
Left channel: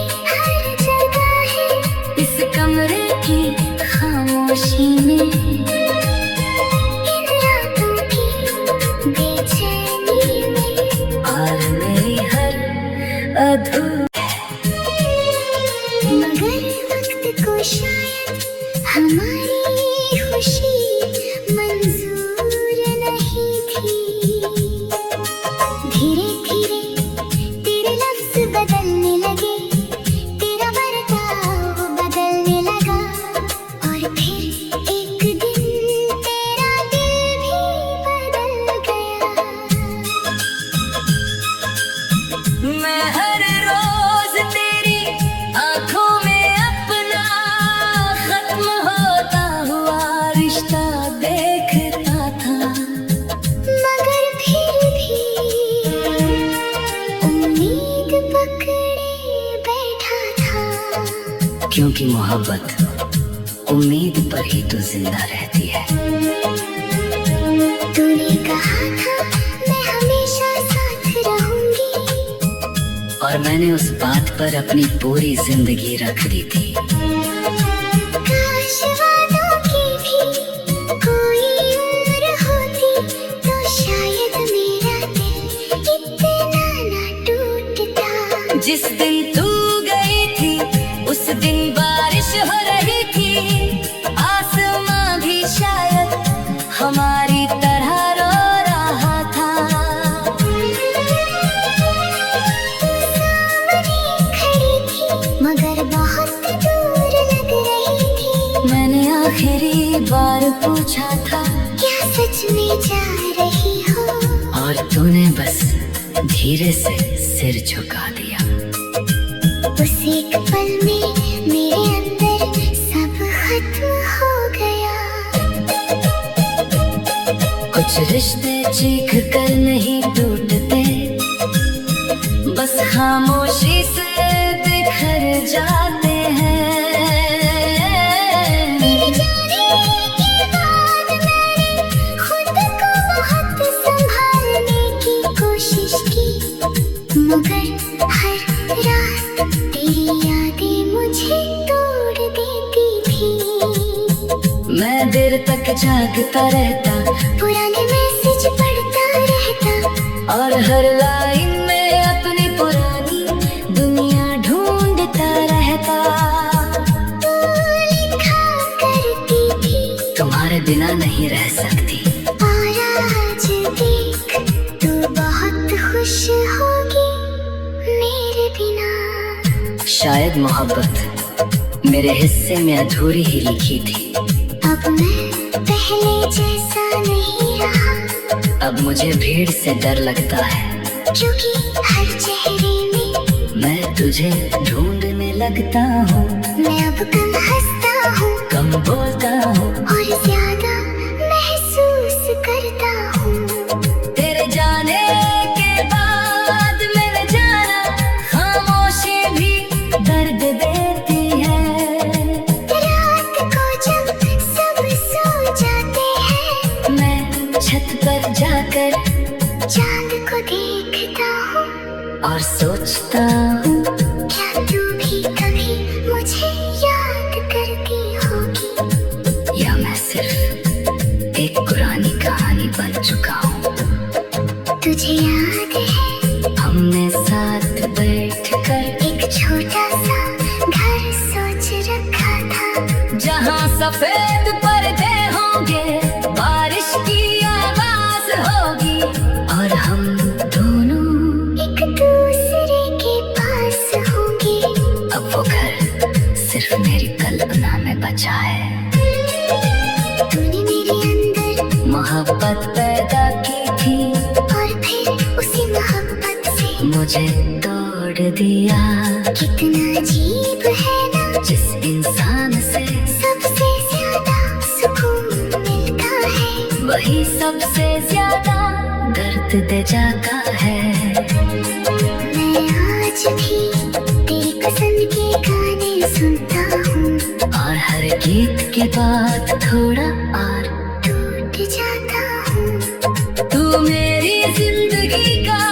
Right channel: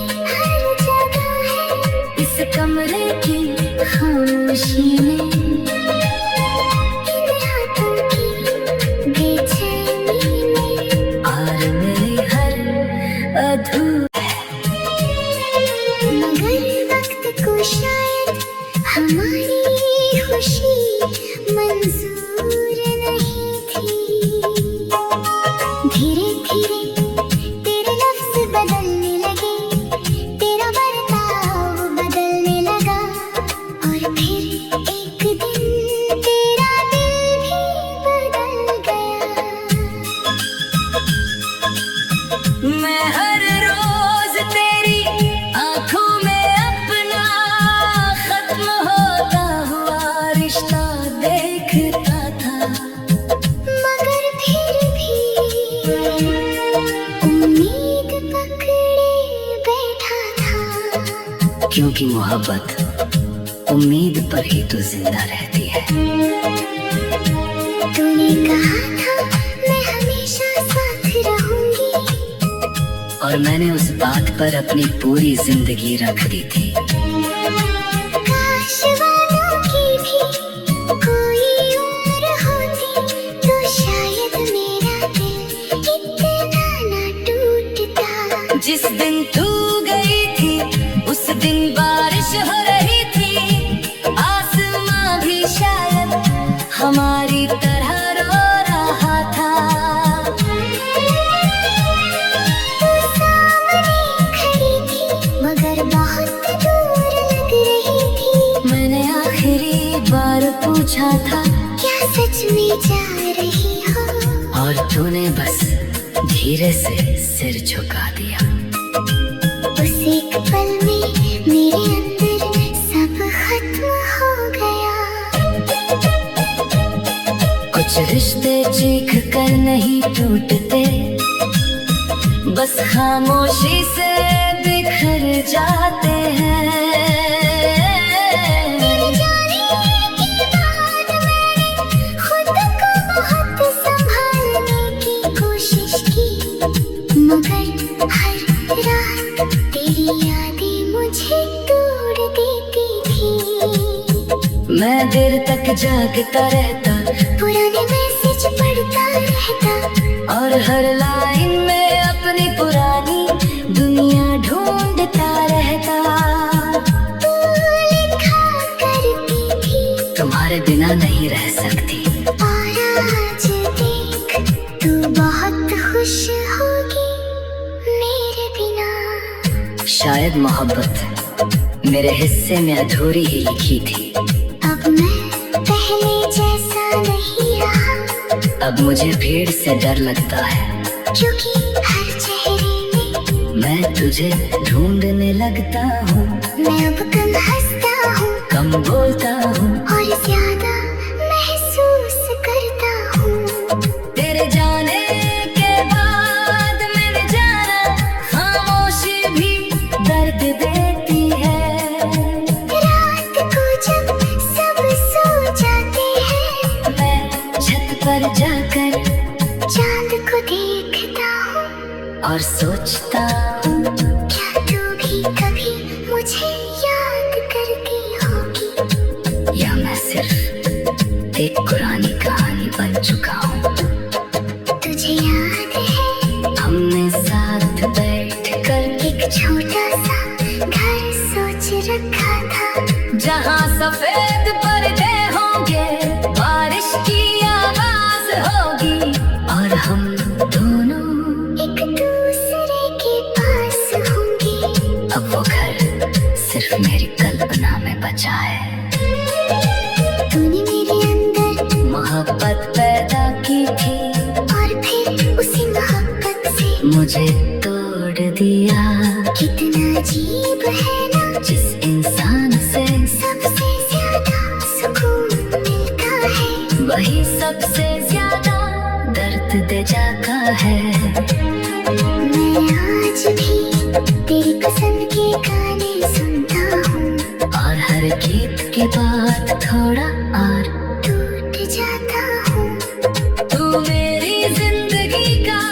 खुशी मंजूर नहीं थी। धीरे धीरे तेरे लफ्ज बदलने लगे, तेरा बर्ताव बदलने लगा, और फिर एक दिन तेरा दिल भी बदल गया। मैं हर रोज तेरी आंखों में अपना खत्म होता हुआ रिश्ता देखता था, मगर फिर भी उम्मीद पकड़े बैठा था। क्योंकि मोहब्बत उम्मीद पर ही तो जिंदा रहती है। तूने कहा था मैं हमेशा साथ रहूंगी, और मैंने उस बात पर अपनी पूरी जिंदगी रख दी थी। काश वादों की भी कोई उम्र होती, तो शायद मेरा दिल इतना ना टूटता। जिस दिन तू गई थी उस दिन बारिश हो रही थी, आसमां भी शायद हमारी तरह रो रहा था। तू सामने खड़ी थी, मगर बहुत दूर लग रही थी। मैंने आखिरी बार पूछा था, क्या सच में जा रही हो? और तूने बस धीरे से सिर झुका दिया। उस एक पल में मेरे अंदर सब खत्म हो गया। कुछ रिश्ते चीख कर नहीं टूटते, बस खामोशी से बिखर जाते हैं। तेरे जाने के बाद मैंने खुद को बहुत संभालने की कोशिश की, मगर हर रात तेरी यादें मुझे तोड़ देती थी। मैं देर तक जागता रहता, पुराने मैसेज पढ़ता रहता, और हर लाइन में अपनी पुरानी दुनिया ढूंढता रहता। तू लिखा करती थी, तुम्हारे बिना नहीं रह सकती। और आज देख तू बहुत खुश होगी मेरे बिना। शायद मोहब्बत मेरे हिस्से में अधूरी ही लिखी थी। अब मैं पहले जैसा नहीं रहा, अब मुझे भीड़ से डर लगता है, क्योंकि हर चेहरे में मैं तुझे ढूंढने लगता हूँ। मैं अब कम हंसता हूँ कम बोलता हूँ, और ज्यादा महसूस करता हूँ। तेरे जाने के बाद मैंने जाना खामोशी भी दर्द देती है। रात को जब सब सो जाते हैं, मैं छत पर जाकर चांद को देखता हूँ, और सोचता हूँ, क्या तू भी कभी मुझे याद करती होगी? या मैं सिर्फ एक पुरानी कहानी बन चुका हूँ। तुझे याद है हमने साथ बैठकर एक छोटा सा घर सोच रखा था, जहाँ सफेद पर्दे होंगे, बारिश की आवाज होगी, और हम दोनों एक दूसरे के पास होंगे। अब वो घर सिर्फ मेरी कल्पना में बचा है। तूने मेरे अंदर मोहब्बत पैदा की थी, और फिर उसी मोहब्बत से मुझे तोड़ दिया। कितना अजीब है ना, जिस इंसान से सबसे ज्यादा सुकून मिलता है, वही सबसे ज्यादा दर्द दे जाता है। मैं आज भी तेरी पसंद के गाने सुनता हूँ, और हर गीत के बाद थोड़ा और टूट जाता हूँ। तू मेरी जिंदगी का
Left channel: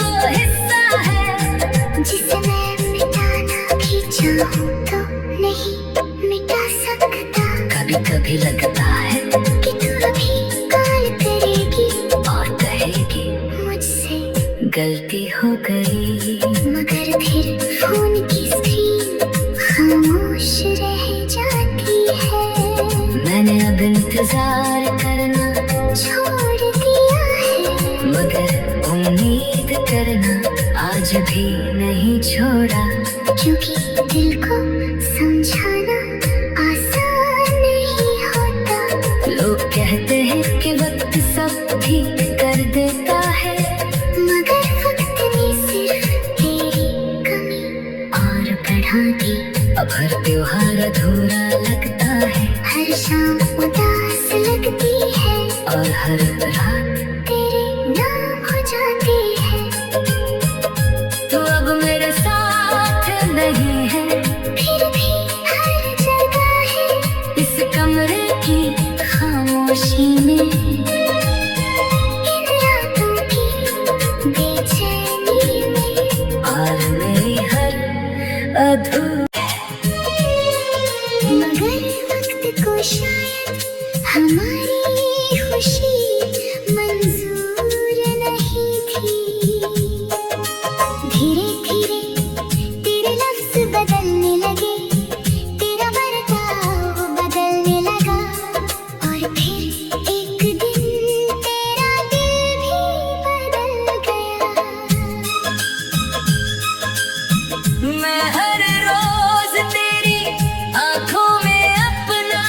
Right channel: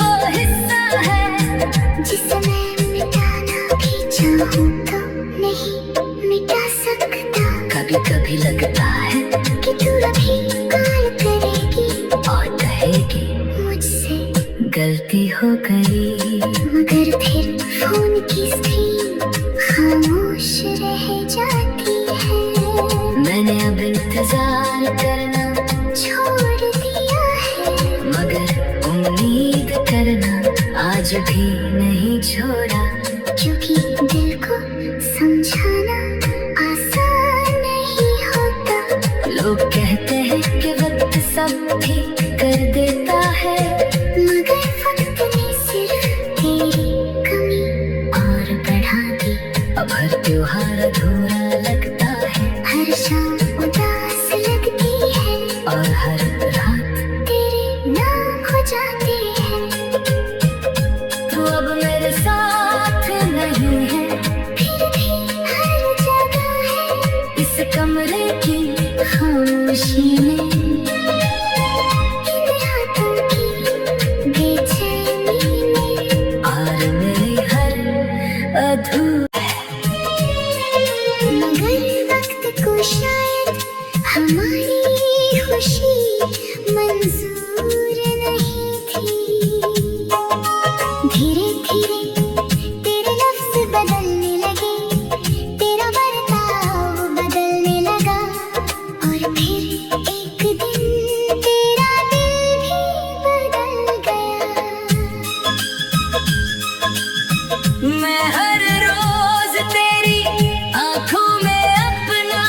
वो हिस्सा है, जिसे मैं मिटाना भी चाहूँ तो नहीं मिटा सकता। कभी कभी लगता है कि तू अभी कॉल करेगी और कहेगी मुझसे गलती हो गई, मगर फिर फोन की स्क्रीन खामोश रह जाती है। मैंने अब आज भी नहीं छोड़ा, क्योंकि दिल को समझाना आसान नहीं होता। लोग कहते हैं कि वक्त सब ठीक कर देता है, मगर वक्त ने सिर्फ तेरी कमी और बढ़ा दी। अब हर त्योहार अधूरा लगता है, हर शाम उदास लगती है, और हर रात तेरे नाम हो जाती है। तू अब मेरे साथ नहीं है, फिर भी हर जगह है इस कमरे की खामोशी में, इन रातों की बेचैनी में। और मेरी हर मगर वक्त को शायद हमारी खुशी मंजूर नहीं थी। धीरे धीरे तेरे लफ्ज़ बदलने लगे, तेरा बर्ताव बदलने लगा, और फिर एक दिन तेरा दिल भी बदल गया। मैं हर रोज तेरी आंखों में अपना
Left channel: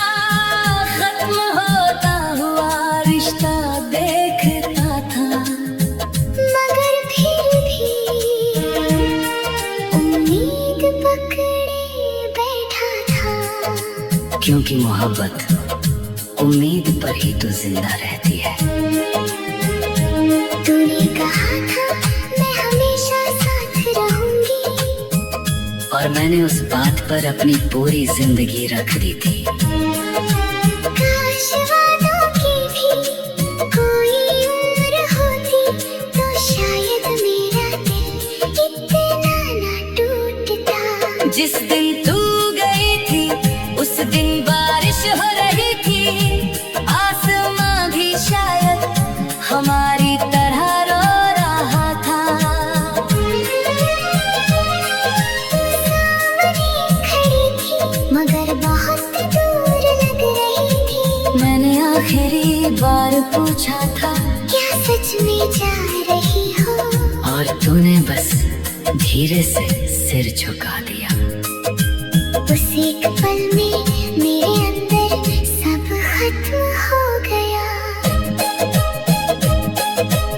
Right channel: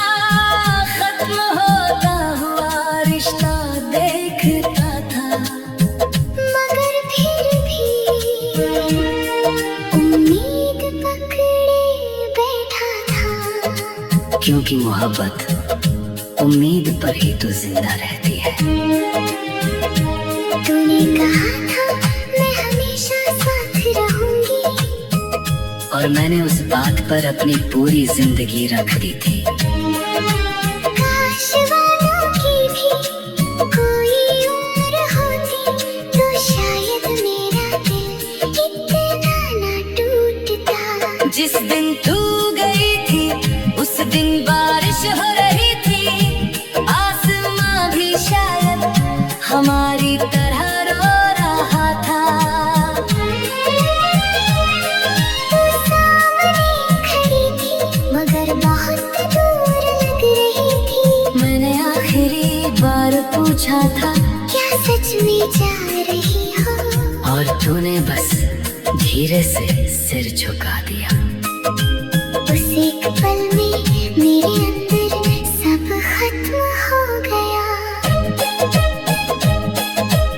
खत्म होता हुआ रिश्ता देखता था, मगर फिर भी उम्मीद पकड़े बैठा था। क्योंकि मोहब्बत उम्मीद पर ही तो जिंदा रहती है। तूने कहा था मैं हमेशा साथ रहूंगी, और मैंने उस बात पर अपनी पूरी जिंदगी रख दी थी। काश वादों की भी कोई उम्र होती, तो शायद मेरा दिल इतना ना टूटता। जिस दिन तू गई थी उस दिन बारिश हो रही थी, आसमां भी शायद हमारी तरह रो रहा था। सामने खड़ी थी मगर बहुत दूर लग रही थी। मैंने आखिरी बार पूछा था, क्या सच में जा रही हो? और तूने बस धीरे से सिर झुका दिया। उस एक पल में मेरे अंदर सब खत्म हो गया।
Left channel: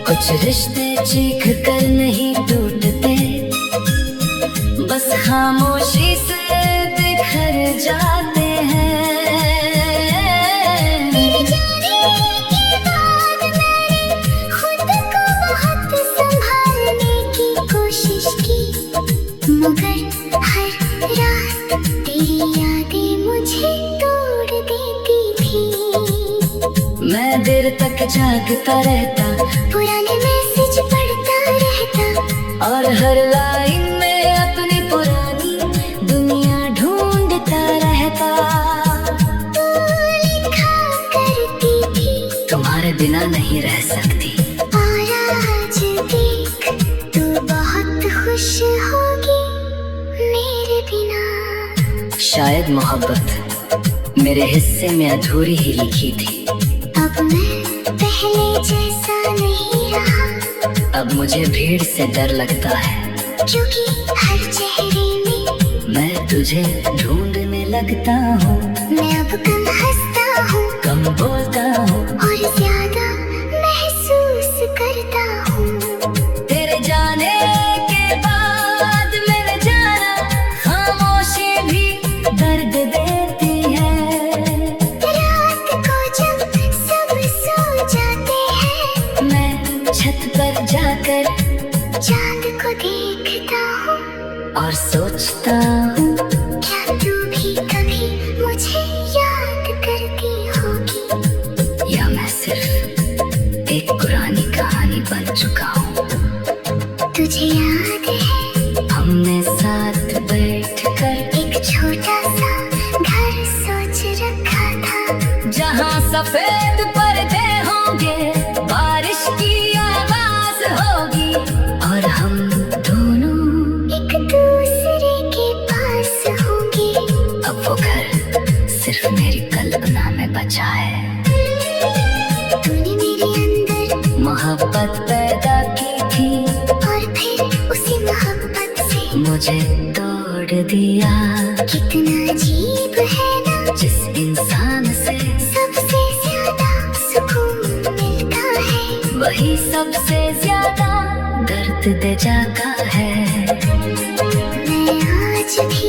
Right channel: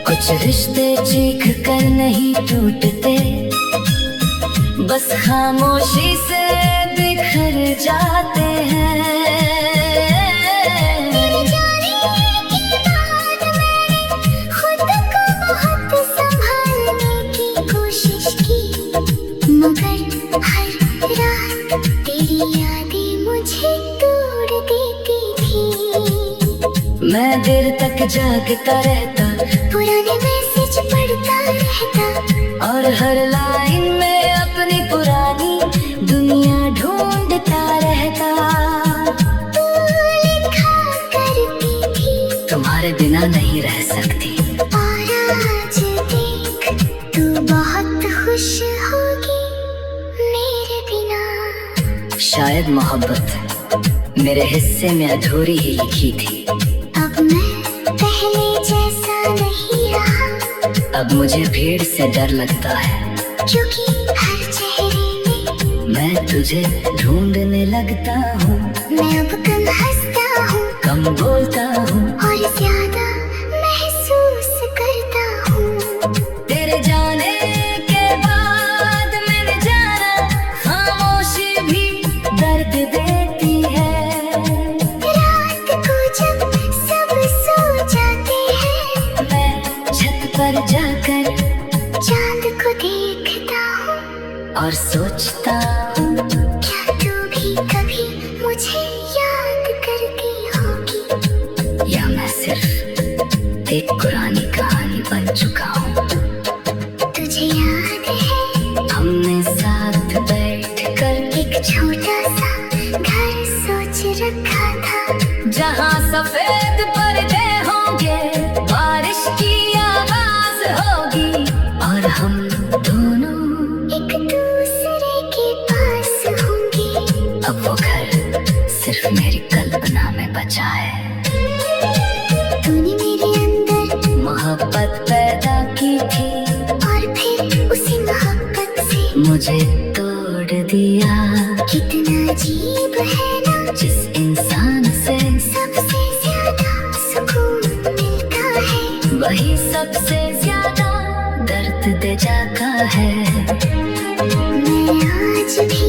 कुछ रिश्ते चीख कर नहीं टूटते, बस खामोशी से बिखर जाते हैं। तेरे जाने के बाद मैंने खुद को बहुत संभालने की कोशिश की, मगर हर रात तेरी यादें मुझे तोड़ देती थी। मैं देर तक जागता रहता, पुराने मैसेज पढ़ता रहता, और हर लाइन में अपनी पुरानी दुनिया ढूंढता रहता। तू लिखा करती थी तुम्हारे बिना नहीं रह सकती, और आज देख तू बहुत खुश होगी मेरे बिना। शायद मोहब्बत मेरे हिस्से में अधूरी ही लिखी थी। अब मैं पहले जैसा नहीं रहा, अब मुझे भीड़ से डर लगता है, क्योंकि हर चेहरे में मैं तुझे ढूंढने लगता हूँ। मैं अब कम हंसता हूँ कम बोलता हूँ, और ज्यादा महसूस करता हूँ। तेरे जाने के बाद मेरे जाना खामोशी भी दर्द देती है। रात को जब सब सो जाते हैं, मैं छत पर जाकर चांद को देखता हूँ, और सोचता हूँ, क्या तू भी कभी मुझे याद करती होगी? या मैं सिर्फ एक पुरानी कहानी बन चुका हूँ। तुझे याद है हमने साथ बैठकर एक छोटा सा घर सोच रखा था, जहाँ सफेद पर्दे होंगे, बारिश की आवाज होगी, और हम दोनों एक दूसरे के पास होंगे। अब वो घर सिर्फ मेरी कल्पना में बचा है। तूने मेरे अंदर मोहब्बत पैदा की थी, और फिर उसे मुझे तोड़ दिया। कितना अजीब है ना, जिस इंसान से सबसे ज्यादा सुकून मिलता है, वही सबसे ज्यादा दर्द दे जाता है। मैं आज भी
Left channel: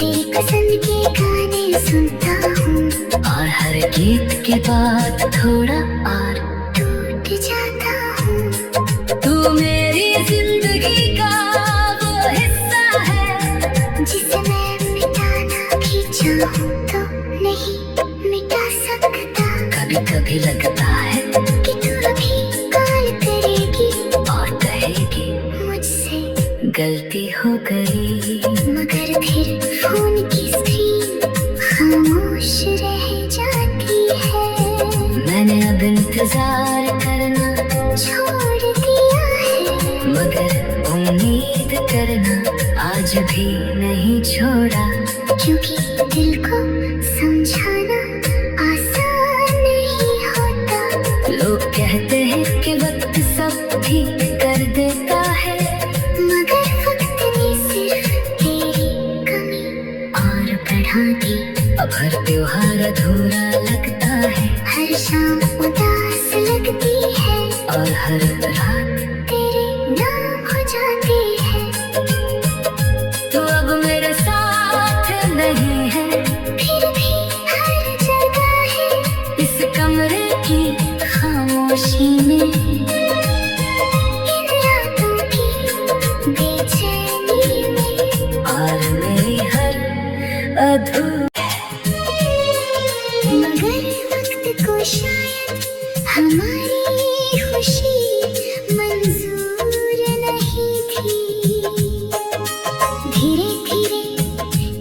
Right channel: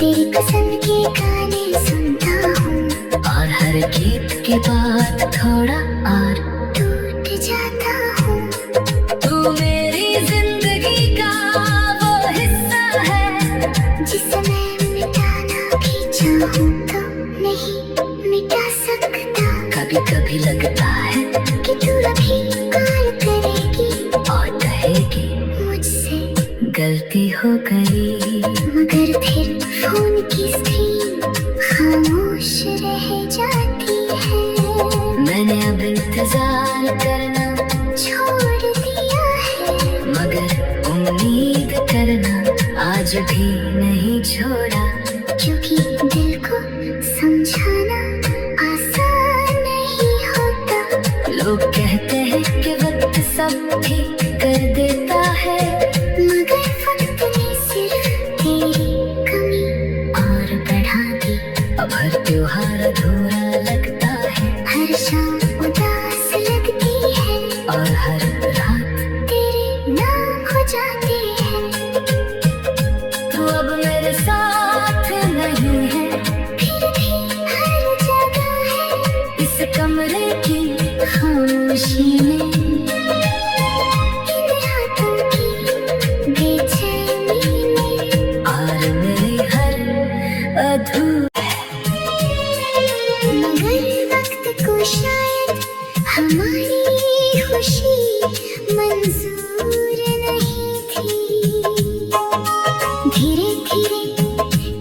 तेरी पसंद के गाने सुनता हूँ, और हर गीत के बाद थोड़ा और टूट जाता हूँ। तू मेरी जिंदगी का वो हिस्सा है, जिसे मैं मिटाना भी चाहूँ तो नहीं मिटा सकता। कभी कभी लगता है कि तू अभी प्यार करेगी और कहेगी मुझसे, गलती हो गई। मगर फिर फोन की स्क्रीन खामोश रह जाती है। मैंने अब इंतजार करना छोड़ दिया है, मगर उम्मीद करना आज भी नहीं छोड़ा। क्योंकि दिल को समझाना आसान नहीं होता। लोग कहते हैं कि वक्त सब ठीक कर देता है, मगर वक्त ने सिर्फ तेरी कमी और बढ़ा दी। अब हर त्योहार अधूरा लगता है, हर शाम उदास लगती है, और हर रात तेरे नाम हो जाती है। तू अब मेरे साथ नहीं है, फिर भी हर जगह है, इस कमरे की खामोशी में, इन रातों की बेचैनी में। और मेरी हर मगर वक्त को शायद हमारी खुशी मंजूर नहीं थी। धीरे धीरे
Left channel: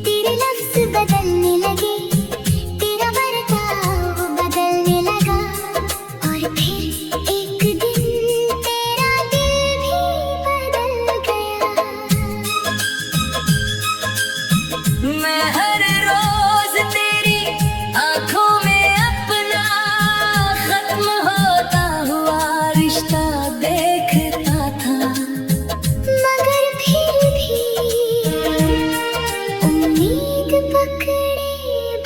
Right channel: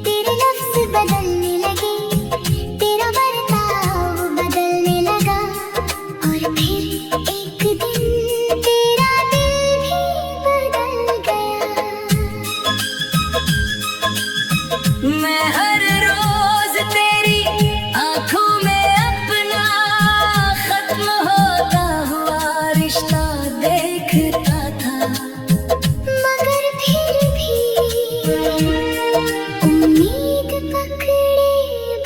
तेरे लफ्ज बदलने लगे, तेरा बर्ताव बदलने लगा, और फिर एक दिन तेरा दिल भी बदल गया। मैं हर रोज तेरी आंखों में अपना खत्म होता हुआ रिश्ता देखता था, मगर फिर भी उम्मीद पकड़े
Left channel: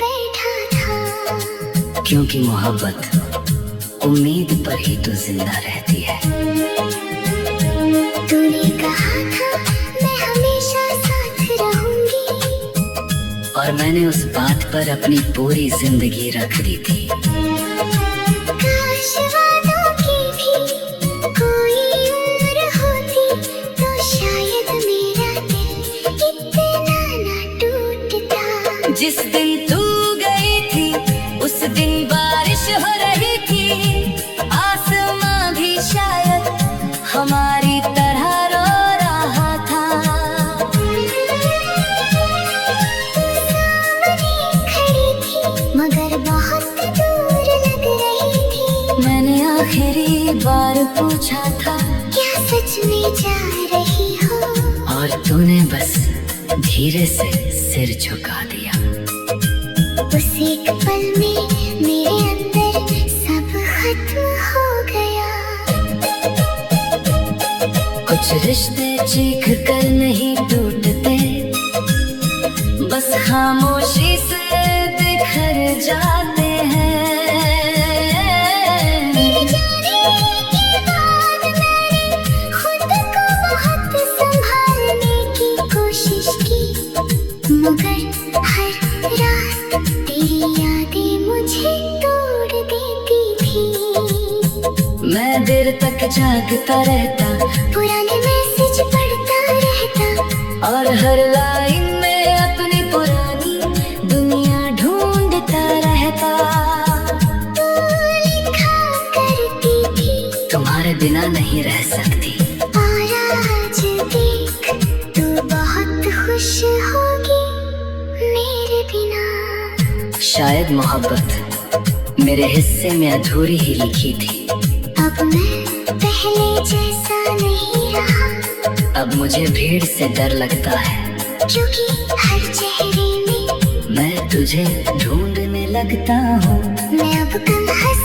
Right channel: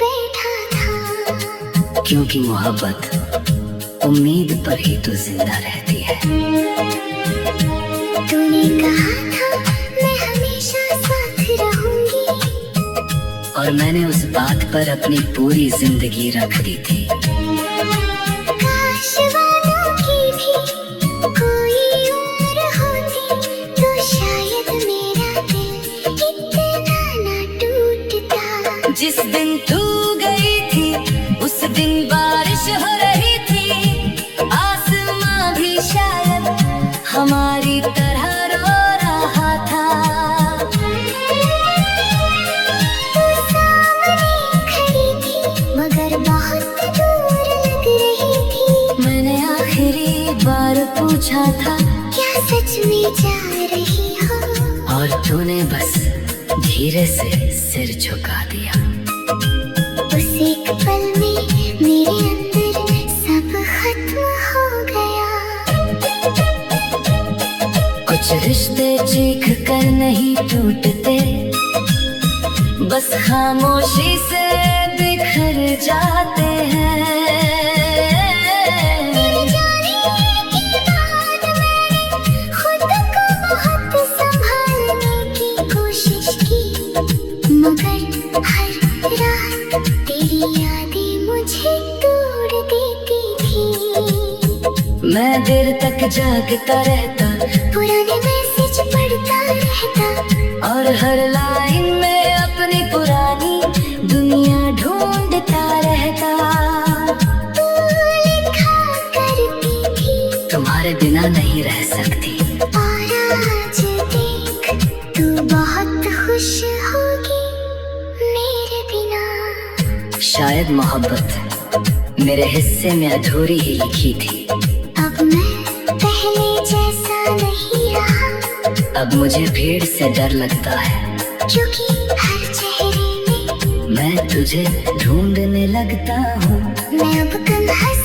बैठा था। क्योंकि मोहब्बत उम्मीद पर ही तो जिंदा रहती है। तूने कहा था मैं हमेशा साथ रहूंगी, और मैंने उस बात पर अपनी पूरी जिंदगी रख दी थी। काश वादों की भी कोई उम्र होती, तो शायद मेरा दिल इतना ना टूटता। जिस दिन तू गई थी उस दिन बारिश हो रही थी, आसमां भी शायद हमारी तरह रो रहा था। सामने खड़ी थी, मगर बहुत दूर लग रही थी। मैंने आखिरी बार पूछा था, क्या सच में जा रही हो? और तूने बस धीरे से सिर झुका दिया। उस एक पल में मेरे अंदर सब खत्म हो गया। कुछ रिश्ते चीख कर नहीं टूटते, बस खामोशी से बिखर जाते हैं। तेरे जाने के बाद मैंने खुद को बहुत संभालने की कोशिश की, मगर हर रात तेरी यादें मुझे तोड़ देती थी। मैं देर तक जागता रहता, पुराने मैसेज पढ़ता रहता, और हर लाइन में अपनी पुरानी दुनिया ढूंढता रहता। तू लिखा करती थी, तुम्हारे बिना नहीं रह सकती। और आज देख तू बहुत खुश होगी मेरे बिना। शायद मोहब्बत मेरे हिस्से में अधूरी ही लिखी थी। अब मैं पहले जैसा नहीं रहा, अब मुझे भीड़ से डर लगता है, क्योंकि हर चेहरे में मैं तुझे ढूंढने लगता हूँ। मैं अब कम हंस